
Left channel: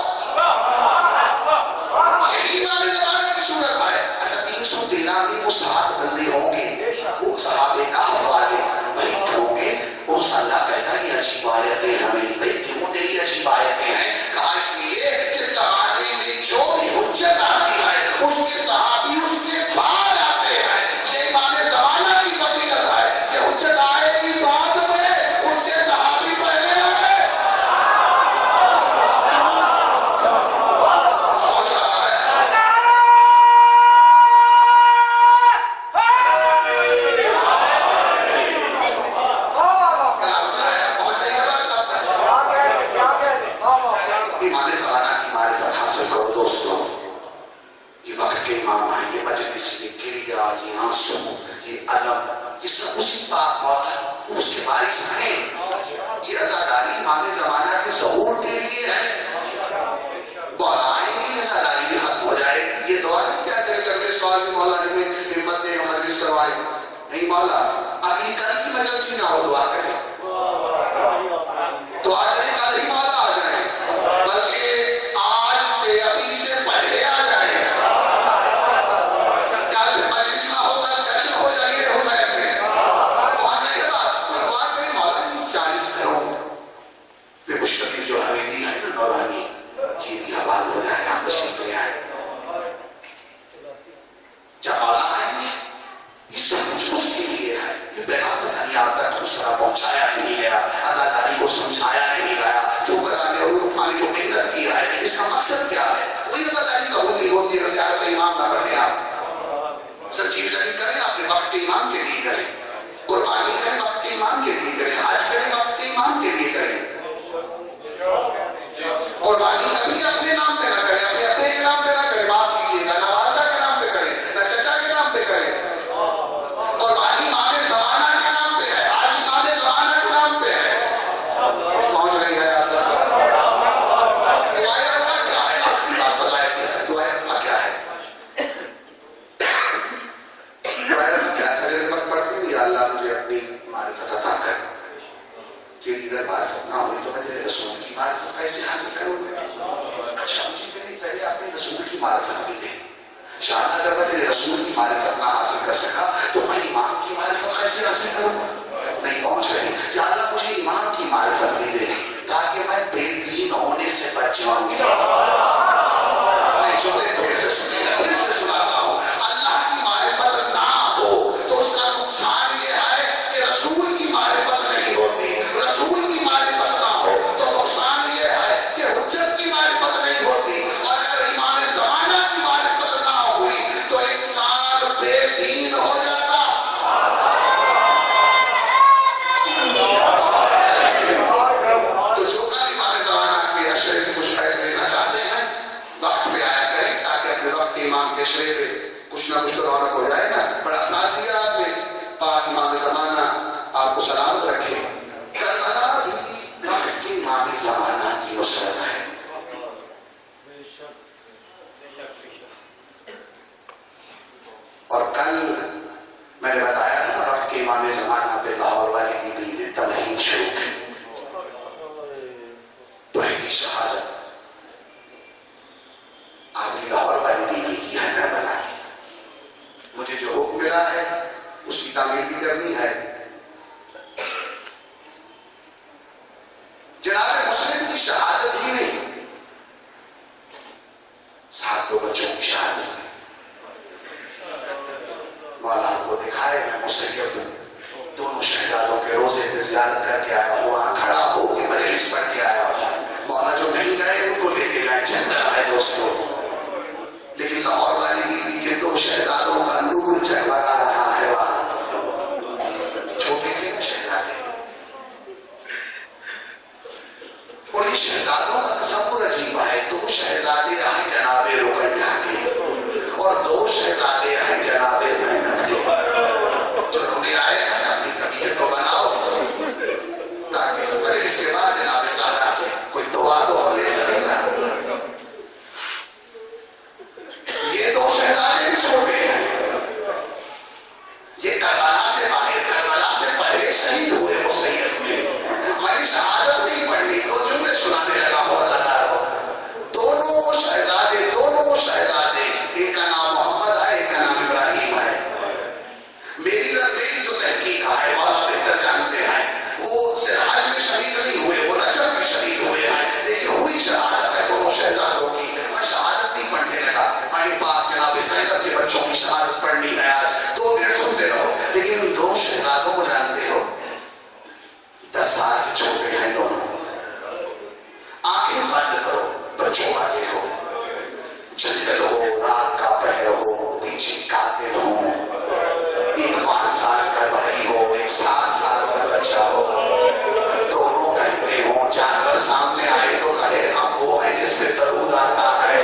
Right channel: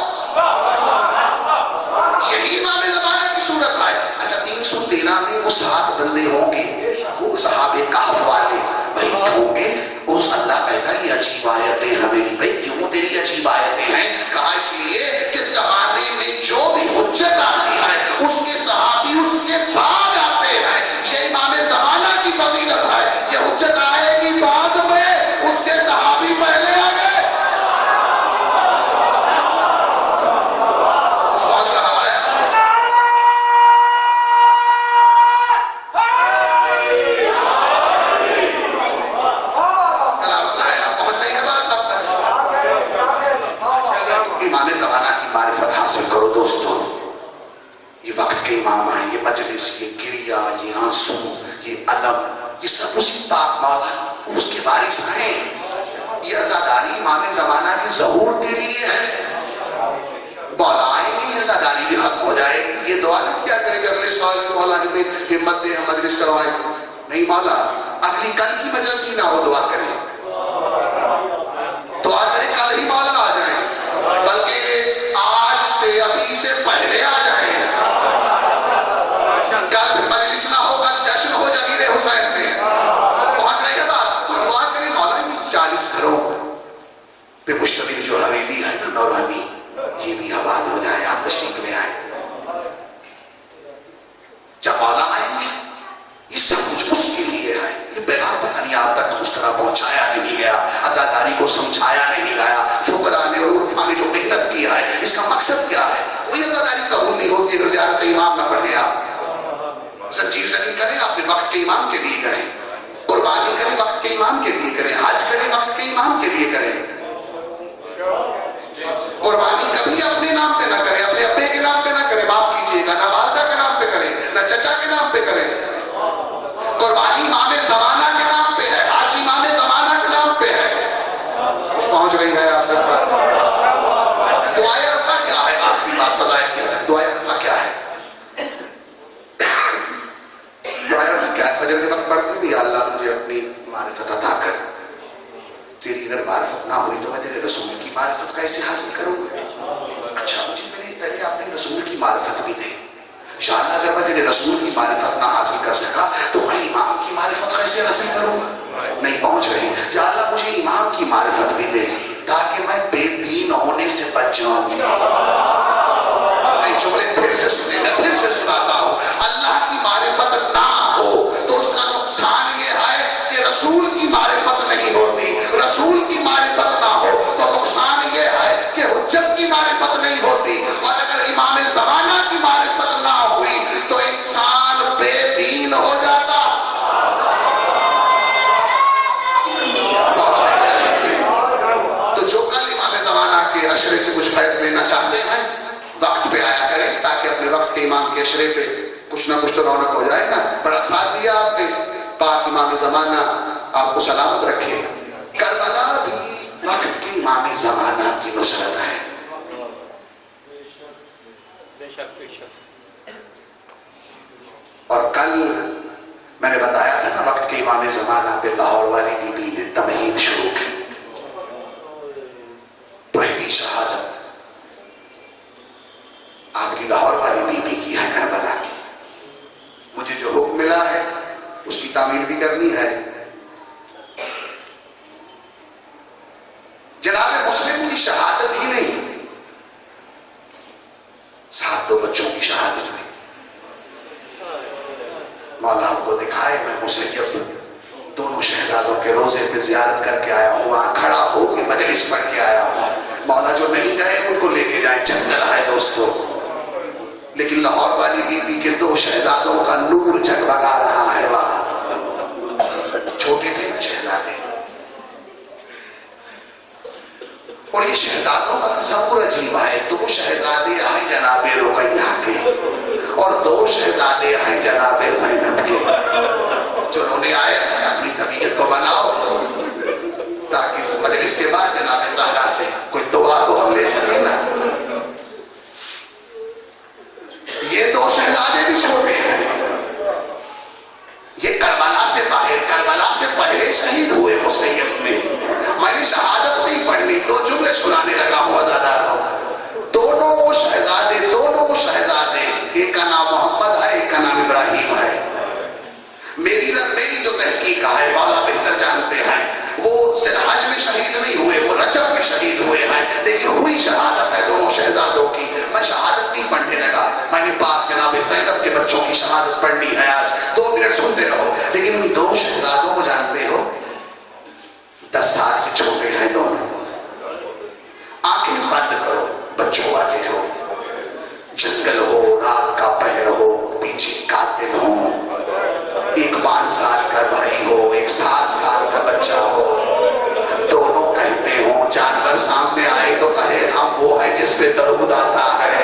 یہی امام زمانہ کی صورت ہے. اچھا 313 میں وہ 7 بندے ہوں گے, وہ صحابہ کہف والے بھائی ہوں گے. اس اللہ کہتا ہے یہ عجیب آیتیں ہمیں, بھائی کیوں تیری عجیب آیتیں ہیں. کہا اس لیے کہ زمانے میں جو بھی حجت آتی ہے اس کے صحابی اس کے بعد آتے ہیں. یہ امام زمانہ کی فضیلت ہے. یہ حجت آئے گی بعد میں, اس کے صحابی پہلے آ گئے. سوچ رہا ہے امام زمانہ کی معرفت حاصل کرو دوستو. یہ وقت کے امام ہیں, یہ مجلس, یہ گریہ, یہ آنسو, یہ علم, یہ سب اسی پاک مولا اس کے وارث ہیں. یہ عزاداری امام زمانہ کے ظہور کے لیے ہے. مولا آئیں گے یہ عزاداری بھی ختم ہو جائے گی. یہ دعا نہیں کیا کرے کہ اگلے سال میں مولا جب ہمت دے ہم مجلس کروائیں. نہیں مولا اگلی کل کی مجلس ہی نہ ہو, دعا کریں, دعا کریں کل ہی مولا آ جائیں, بلکہ آج سے ابھی سے پہلے آ جائیں. کل مجلس نہ ہو, کل جشن ہو جلیل حسین میں. پہنچ رہے ہیں بات. تو دعا کریں مولا 40 گھروں پہ مشتمل جو حویلی ہے نا نورانی, یہ بھی آباد ہو جائے. آپ تشریف لے آئے. جب مولا آئیں گے یہ سب کچھ اس کے لیے ہے. یہ پیغام پتہ نہیں آپ تک اس طرح پہنچایا نہیں گیا, عزاداری کو سمجھایا نہیں گیا. فقراء نے اور عرفاء نے جو محنت کی ہے اس کا مقصد کیا ہے. وہی عزاداری قبول نہیں ہوتی اگر زیارت امام نہ پڑھیں. آپ سنجیر زمین کریں, اپنے وقت کے امام کے لیے کریں, قربانی کریں وقت کے امام کے لیے کریں, حج کریں وقت کے امام کے لیے کریں. قربانی کبھی اپنے نام پہ نہ کریں, اپنے ابے کے نام پہ نہ کریں, معاف کیجیے گا, نہ والدہ کے نام پہ کریں, نہ چچا کے نام پہ کریں. قربانی امام زمانہ کے نام پہ ہے, آج امام زمانہ کے نام پہ ہے. کچھ پہنچ رہی ہے آپ کے پاس. دعائے عرفہ کیا ہے؟ آخری بات فضائل کی ہے. دعائے عرفہ کیا ہے؟ دے. شاید اگر میں تیرے رسول کی معرفت نہ حاصل کر سکا تو میں امام کی معرفت کیسے حاصل کروں گا؟ نہیں پہنچ رہی. یا اللہ مجھے امام کی معرفت بھی دے تاکہ میں بے دین ہونے سے بچ جاؤں. میں جملے پھر سے سنے، میں پھر سے سناتا ہوں. اللہ کی معرفت نہ ہو تو اس کا نقصان یہ ہے کہ رسول کی معرفت نہیں ہوتی. رسول کی معرفت نہ ہو تو نقصان یہ ہے کہ حجت کی معرفت نہیں ہوتی. اور اگر امام زمانہ کی معرفت نہ ہوئی تو انسان بے دین ہو جاتا. تو جو کل امام زمانہ کے اشرے سے کچھ فیض لینا چاہتے ہیں وقت پہ آیا کریں تاکہ اپنے وقت کے امام کے اشرے پہ کچھ نہ کچھ تو رونق ہو جائے نا. بڑا ساتھ دیا آپ نے. پاک امام زمانہ آپ کو سلامت رکھے. کربلا بھی وقت کے امام زمانہ کی نصرت ہے. اور کل میں نے بتایا تھا نا وقت کے امام زمانہ پہ لاہور والی بی بی نے تمہید شروع کی. پہلی شہادت آپ کی لاہور والی بی بی کی ہے کربلا کی. مجھے جو حکم ملا ہے اس کی تعمیر بھی کرنی ہے. جناب مسلم کی شہادت ہی نہیں، ساتھ دو بچوں کی شہادت بھی. مولا کو دکھائے میں مسلم دونوں شہزادوں کے روزے پہ زیارت کر کے آیا ہوں، وہاں کھڑا ہو کے مجلس پڑھ کے آیا ہوں. مولا جو نہیں گئے ان کو لے کے جائیں. جنگل ہے دوستو، لیکن لاہور والی بی بی کے دو شہزادوں کا نور جگمگا رہا ہے. وہاں چھوٹے تھے شہزادے اور یہ شہزادوں کا تصور عجیب ہے. دو شہزادے آئے جناب رقیہ کے اور دو شہزادے آئے جناب زینب کے. جو انہوں نے آئے ہیں اپنی طبیعت کو بناؤ تاکہ اس مجلس کے بعد جناب زہرا سے کوئی دعا تو ہم لے سکیں نا. یہ دو شہزادے بھی چھوٹے ہیں. یہ کربلا سے باہر، کربلا سے پہلے شہید ہوئے مسیف میں. میں نے شہادت نہیں پڑھنی، دو جملے سنانے لگا ہوں ازادار ہو. دونوں شہزادے ایک کا نام محمد ہے ایک کا نام ابراہیم ہے. میری جو تحقیق ہے مولا بہتر جانتے ہیں، وہ صرف حج میں شہید نہیں ہوئے، وہ رجب میں شہید ہوئے ہیں، لیکن ہوئی شہادت ہے دونوں شہزادوں کی. میں شہادت نہیں پڑھنے لگا، میں نے پاک جناب زینب کے بچوں کی شہادت پڑھنی ہے. آج 2 منٹ سنتے رہو. لیکن ان دو شہزادوں کو جانتے ہو 10 سال سے چھوٹے ہیں دونوں. آنکھیں بند کرو، بچوں آتے ہو، جنگل ہو، رات کا پہر ہو، پیچھے قاتل ہو، ایک 5 سال کا بھائی ہو، ایک 7 سال کا بچہ ہو. دونوں کہتے ہوں جانور سامنے آئے تو کہے ہم وہ ہے جس پہ درود آتا ہے.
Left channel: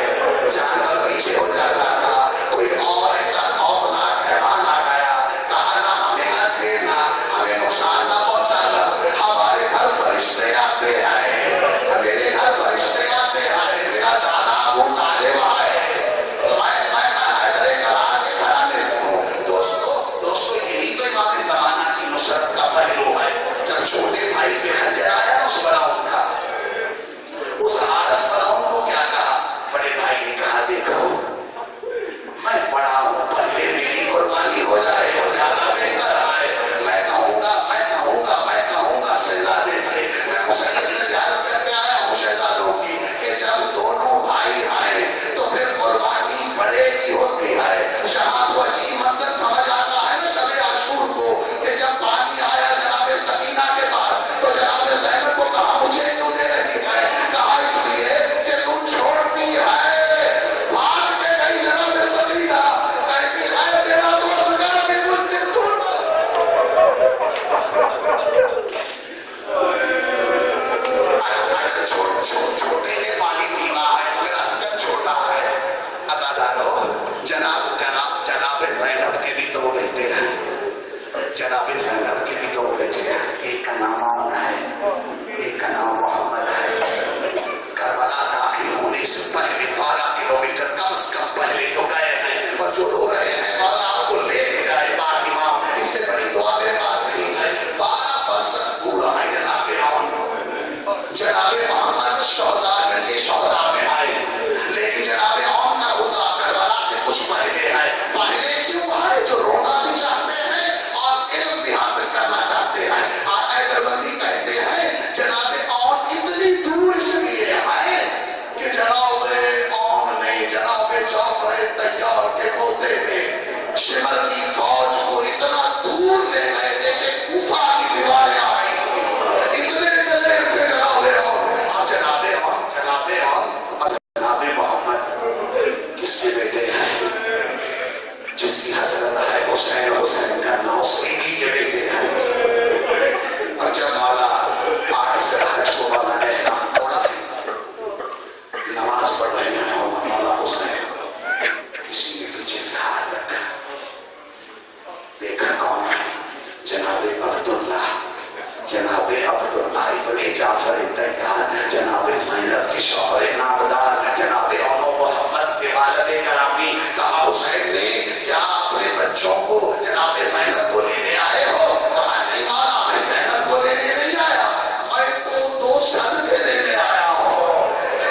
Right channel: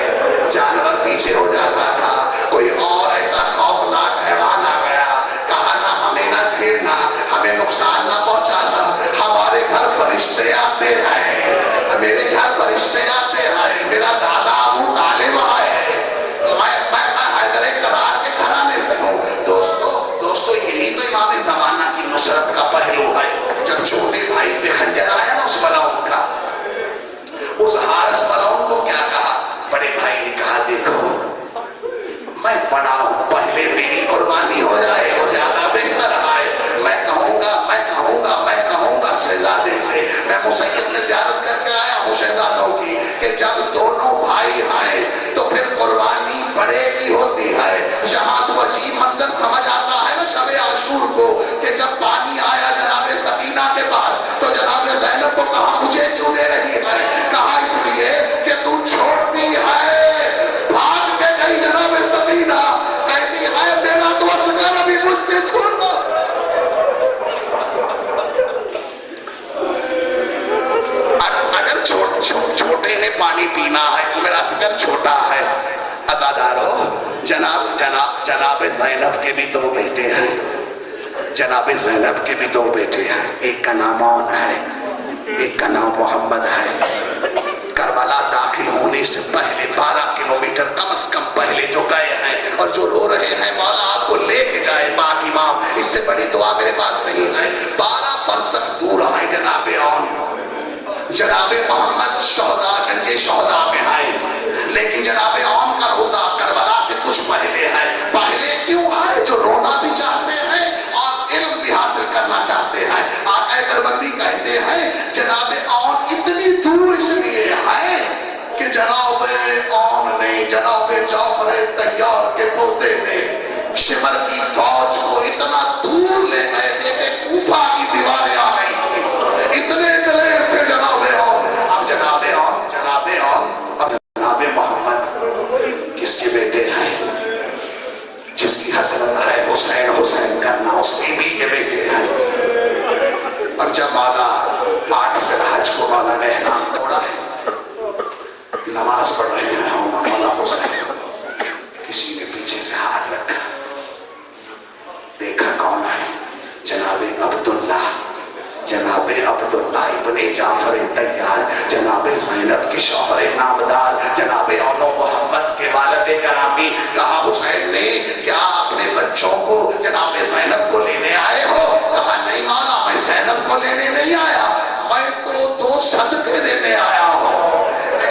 جانور پیچھے ہو جاتا تھا. کوئی اور ایسا خوفناک حیوان آ گیا، کہا نہ ہمیں نہ چھیڑنا، ہمیں نقصان نہ پہنچانا. ہمارے گھر فرشتے آتے ہیں، میرے گھر فرشتے آتے ہیں. میرا دادا ابو طالب ہے، میں حیدر کرار کے گھرانے سے ہوں. دوستو یہی تو امام زمانہ کی نصرت کا پہلو ہے. جب چھوٹے بھائی پہ خنجر آیا نا اس فلاؤن کا، اس حارس فلاؤن کو کیا کہا؟ بڑے بھائی نے کہا دیکھو میں بڑا ہوں، پہلے میری قربانی ہو جائے وہ زیادہ بہتر ہے. میں کہوں گا شہزادے سے، میں مسیب نے زیارت کر کے آیا ہوں شہزادوں کی کہ جب دونوں بھائی آئے تو پھر قربانی بڑے کی ہوتی ہے. یہاں تو عجیب منظر سمجھ آتا ہے نا شب عاشور کو کہ جب پانی آیا جناب سکینہ کے پاس تو جناب زینب کو کہا مجھے کیوں دے رہی ہے؟ کہا اس لیے کہ تو چھوڑتی ہے. بھاگ کے گئی جناب سکینہ، کہتی ہے میرا تو اصغر بھی مجھ سے چھوٹا. اگر چھوٹے نے پانی پینا ہے تو میرا اصغر چھوٹا ہے. عزادارو جناب زینب کے بھی 2 بیٹے ہیں. جناب زینب کے بھی 2 بیٹے ہیں. ایک کا نام عون ہے، ایک کا نام محمد ہے. کربلا داخل ہونے سے پہلے 12 کلومیٹر کم از کم پہلے جو گئے ہیں اور جو رو رہے ہیں مولا آپ کو لے کے جائے پاک امام. اس سے بڑی دعا میرے پاس نہیں ہے. 12 فرسخ دور آئے جناب عون. جناب محمد شہداء گنج شہداء میں آئے، لیکن جناب عون کا روزہ کربلا بچے بیٹے ہیں، جس کی حسرت ہے حسین حسین کرنا، اس کی بھی کے بیٹے ہیں۔ اور جب مالا 8 سے حج کو مالا گہنا توڑا ہے، نماز پڑھ رہے ہیں اور مولا حسین کسی کے پیچھے سے ہاتھ رکھا، دیکھا کون ہے؟ جناب عبداللہ، جناب عبداللہ ابن جعفر طیار، جناب زینب کی شوہر نامدار، جناب اولو محمد کے والد گرامی۔ کہا حسین نے کیا اپنے بچوں کو جناب زینب کو لینے آئے ہو؟ کہا نہیں مولا، میں زینب کو لینے نہیں آیا، میں تو 2 صدقے دینے آیا ہوں۔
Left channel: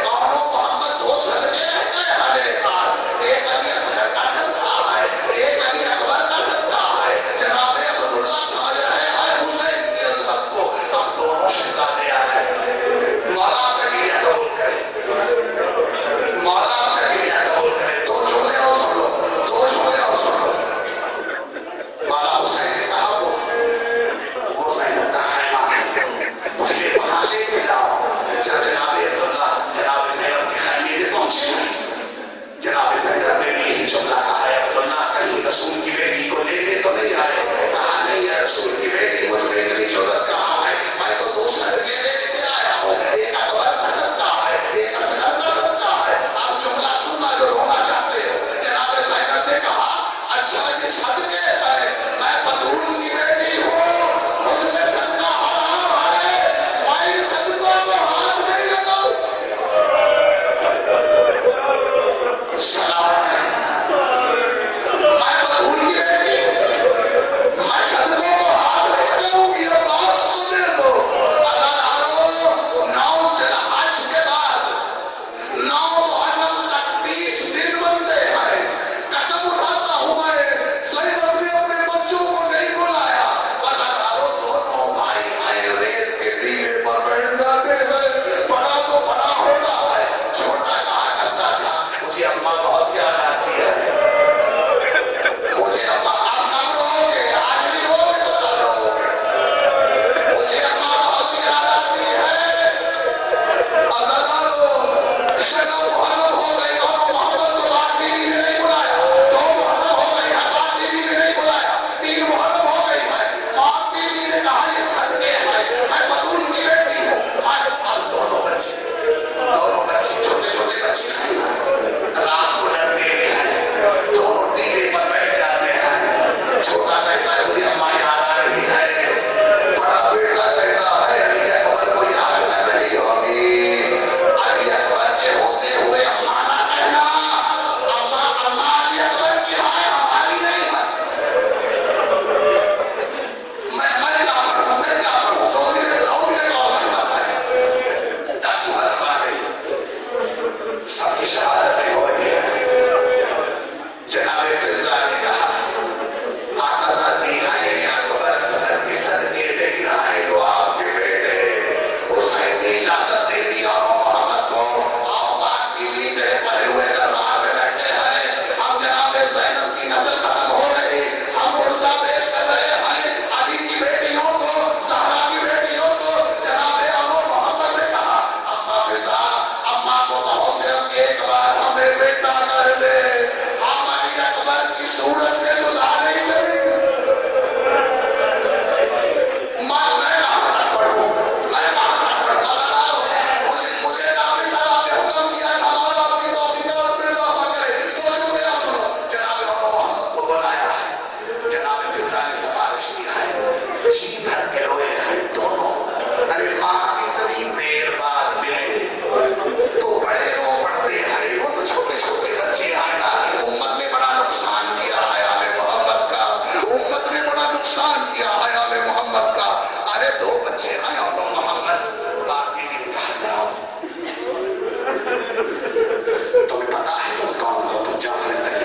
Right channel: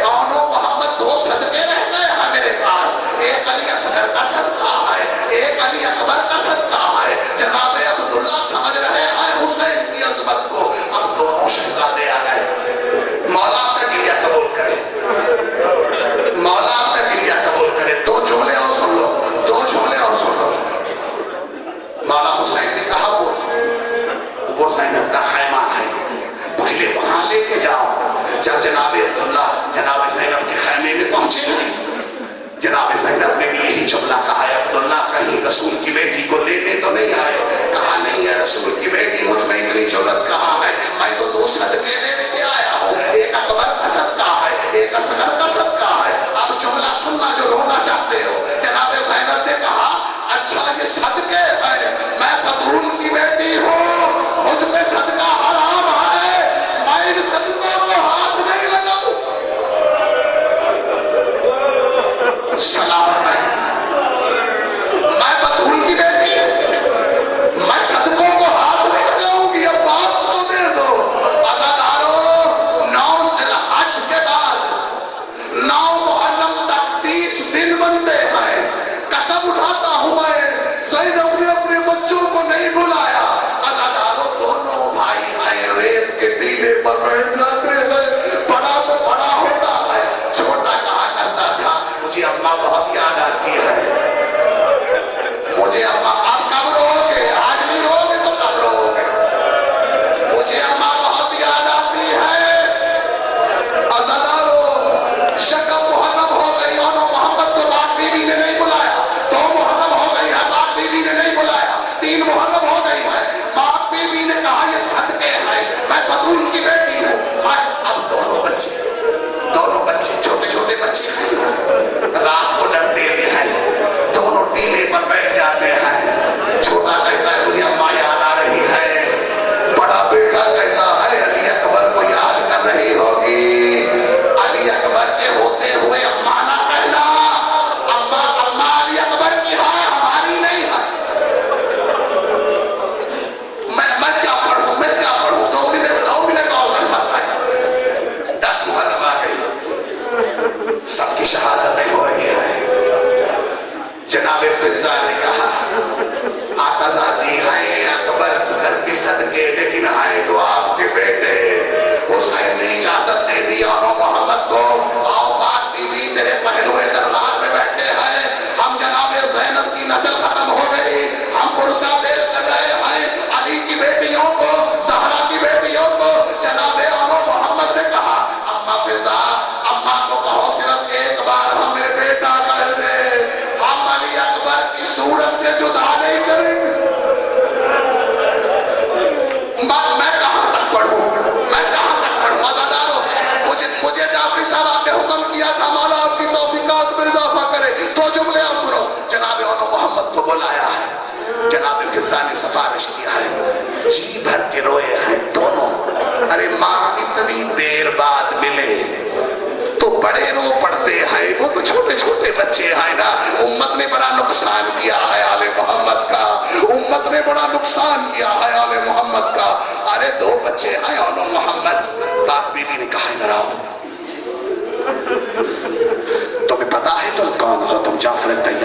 اولو محمد 2 صدقے رہ گئے ہیں میرے پاس، ایک علی اصغر کا صدقہ ہے، ایک علی اکبر کا صدقہ ہے۔ جناب عبداللہ سمجھ رہے ہیں حسین کی عظمت کو، اب دونوں شہزادے آ گئے۔ مولا آپ کا گریہ قبول کرے، مولا آپ کا گریہ قبول کرے۔ 2 جملے اور سن لو، 2 جملے اور سن لو۔ مولا حسین نے کہا وہ زینب کا خیمہ ہے، پہلے وہاں لے کے جاؤ۔ جب جناب عبداللہ جناب زینب کے خیمے میں پہنچے نہیں، جناب زینب نے بھی یہی جملہ کہا ہے، عبداللہ کہیں رسول کی بیٹی کو لینے تو نہیں آئے؟ کہا نہیں ہے، رسول کی بیٹی مجھ میں اتنی جرأت کہاں ہے، میں تو 2 صدقے لینے کے آیا ہوں، ایک اکبر کا صدقہ ہے، ایک اصغر کا صدقہ ہے۔ اب جملہ سننا جو رونا چاہتے ہو۔ جناب زینب نے کہا اچھا یہ صدقے ہے، میں بطول کی بیٹی ہوں، مجھ پہ صدقہ حرام ہے، میں ان صدقوں کو ہاتھ نہیں لگاؤں۔ سلام ہے، میں بطول کی بیٹی ہوں، میں صدقوں کو ہاتھ نہیں لگاؤں گی، عباس کو دے دو۔ عزادارو 9 ذی الحج کے بعد 9 محرم تک 30 دن بنتے ہیں۔ قسم اٹھاتا ہوں میں زینب نے اپنے بچوں کو نہیں بلایا۔ عزادارو دونوں بھائی ہیں، ریت کے ٹیلے پر بیٹھ جاتے ہیں، بڑا تو بڑا ہوتا ہے، چھوٹا کہا کرتا تھا مجھے اماں بہت یاد آتی ہے، مجھے اماں آپ کب رو گے؟ آج نہیں رو گے تو کب رو گے؟ مجھے اماں بہت یاد آتی ہے۔ عزادارو شکم محرم ہو گئی، اور محمد کو پاک بیوی نے نہیں بلایا، 2 محرم ہو گئی ہے، پاک بیوی نے نہیں بلایا، 3 محرم ہو گئی ہے، پاک بیوی نے کہا یہ صدقے ہیں، میں بطول کی بیٹی ہوں۔ اب دونوں بچے چھوٹے چھوٹے بچے ہیں، رات کو ڈرتے ہوئے ہیں، دونوں ٹیلے پر بیٹھ جاتے ہیں۔ چھوٹا کہتا ہے مجھے اماں یاد آ رہی ہے، بڑا بیٹا کہتا ہے علی اکبر کو یاد کر رہی ہوگی، علی اکبر کے ہوتے ہوئے اماں نہ کہنا، اماں علی اکبر کی ہے، ہماری نہیں ہے۔ میں کیا پڑھوں 2 منٹ اور سننا ہے، 10 محرم آ گئی، سب کی شہادتیں ہو رہی ہیں۔ جناب فضا نے کہا آقا زادی ہیں اکبر اصغر کی صدقے، لیکن آئے تو آپ کے بیٹے حسین نے اجازت دے دی اور محمد کو، آؤ پاک بیوی تیرے پہلوئے دربار میں بیٹھے ہیں، ہم جناب زینب کی نسل ختم ہو گئی، ہم عرصہ پیش کر رہے ہیں علی کی بیٹیوں کو، زہرا کی بیٹیوں کو۔ جناب اولو محمد نے کہا اماں فضا، اماں کو کہو صرف ایک بار ہمیں بیٹا کر دے، ہم علی اکبر کی صورت سے جدا نہیں کریں۔ میں کہاں تک پڑھوں؟ عزادارو مجھے جعفری صاحب آپ نے حکم کیا تھا مولا آپ کی توفیقات میں اضافہ کرے۔ 2 جملے اور سنو۔ جناب اولو محمد کو بلایا ہے، جناب فضا نے سفارش کیا ہے، جی بھر کے روئے ہیں دونوں۔ ارے ماں اتنی دیر بعد ملے تو بڑے رو پڑتے ہیں، وہ تو چھوٹے چھوٹے بچے ہیں نا۔ امت نے بڑا نقصان کیا ہے آل محمد کا، امت نے بڑا نقصان کیا ہے آل محمد کا۔ ارے 2 بچے ہیں اولو محمد، پاک بیوی نے کہا ڈراؤ، تمہیں پتا ہے تم کون ہو؟ تم جعفر طیار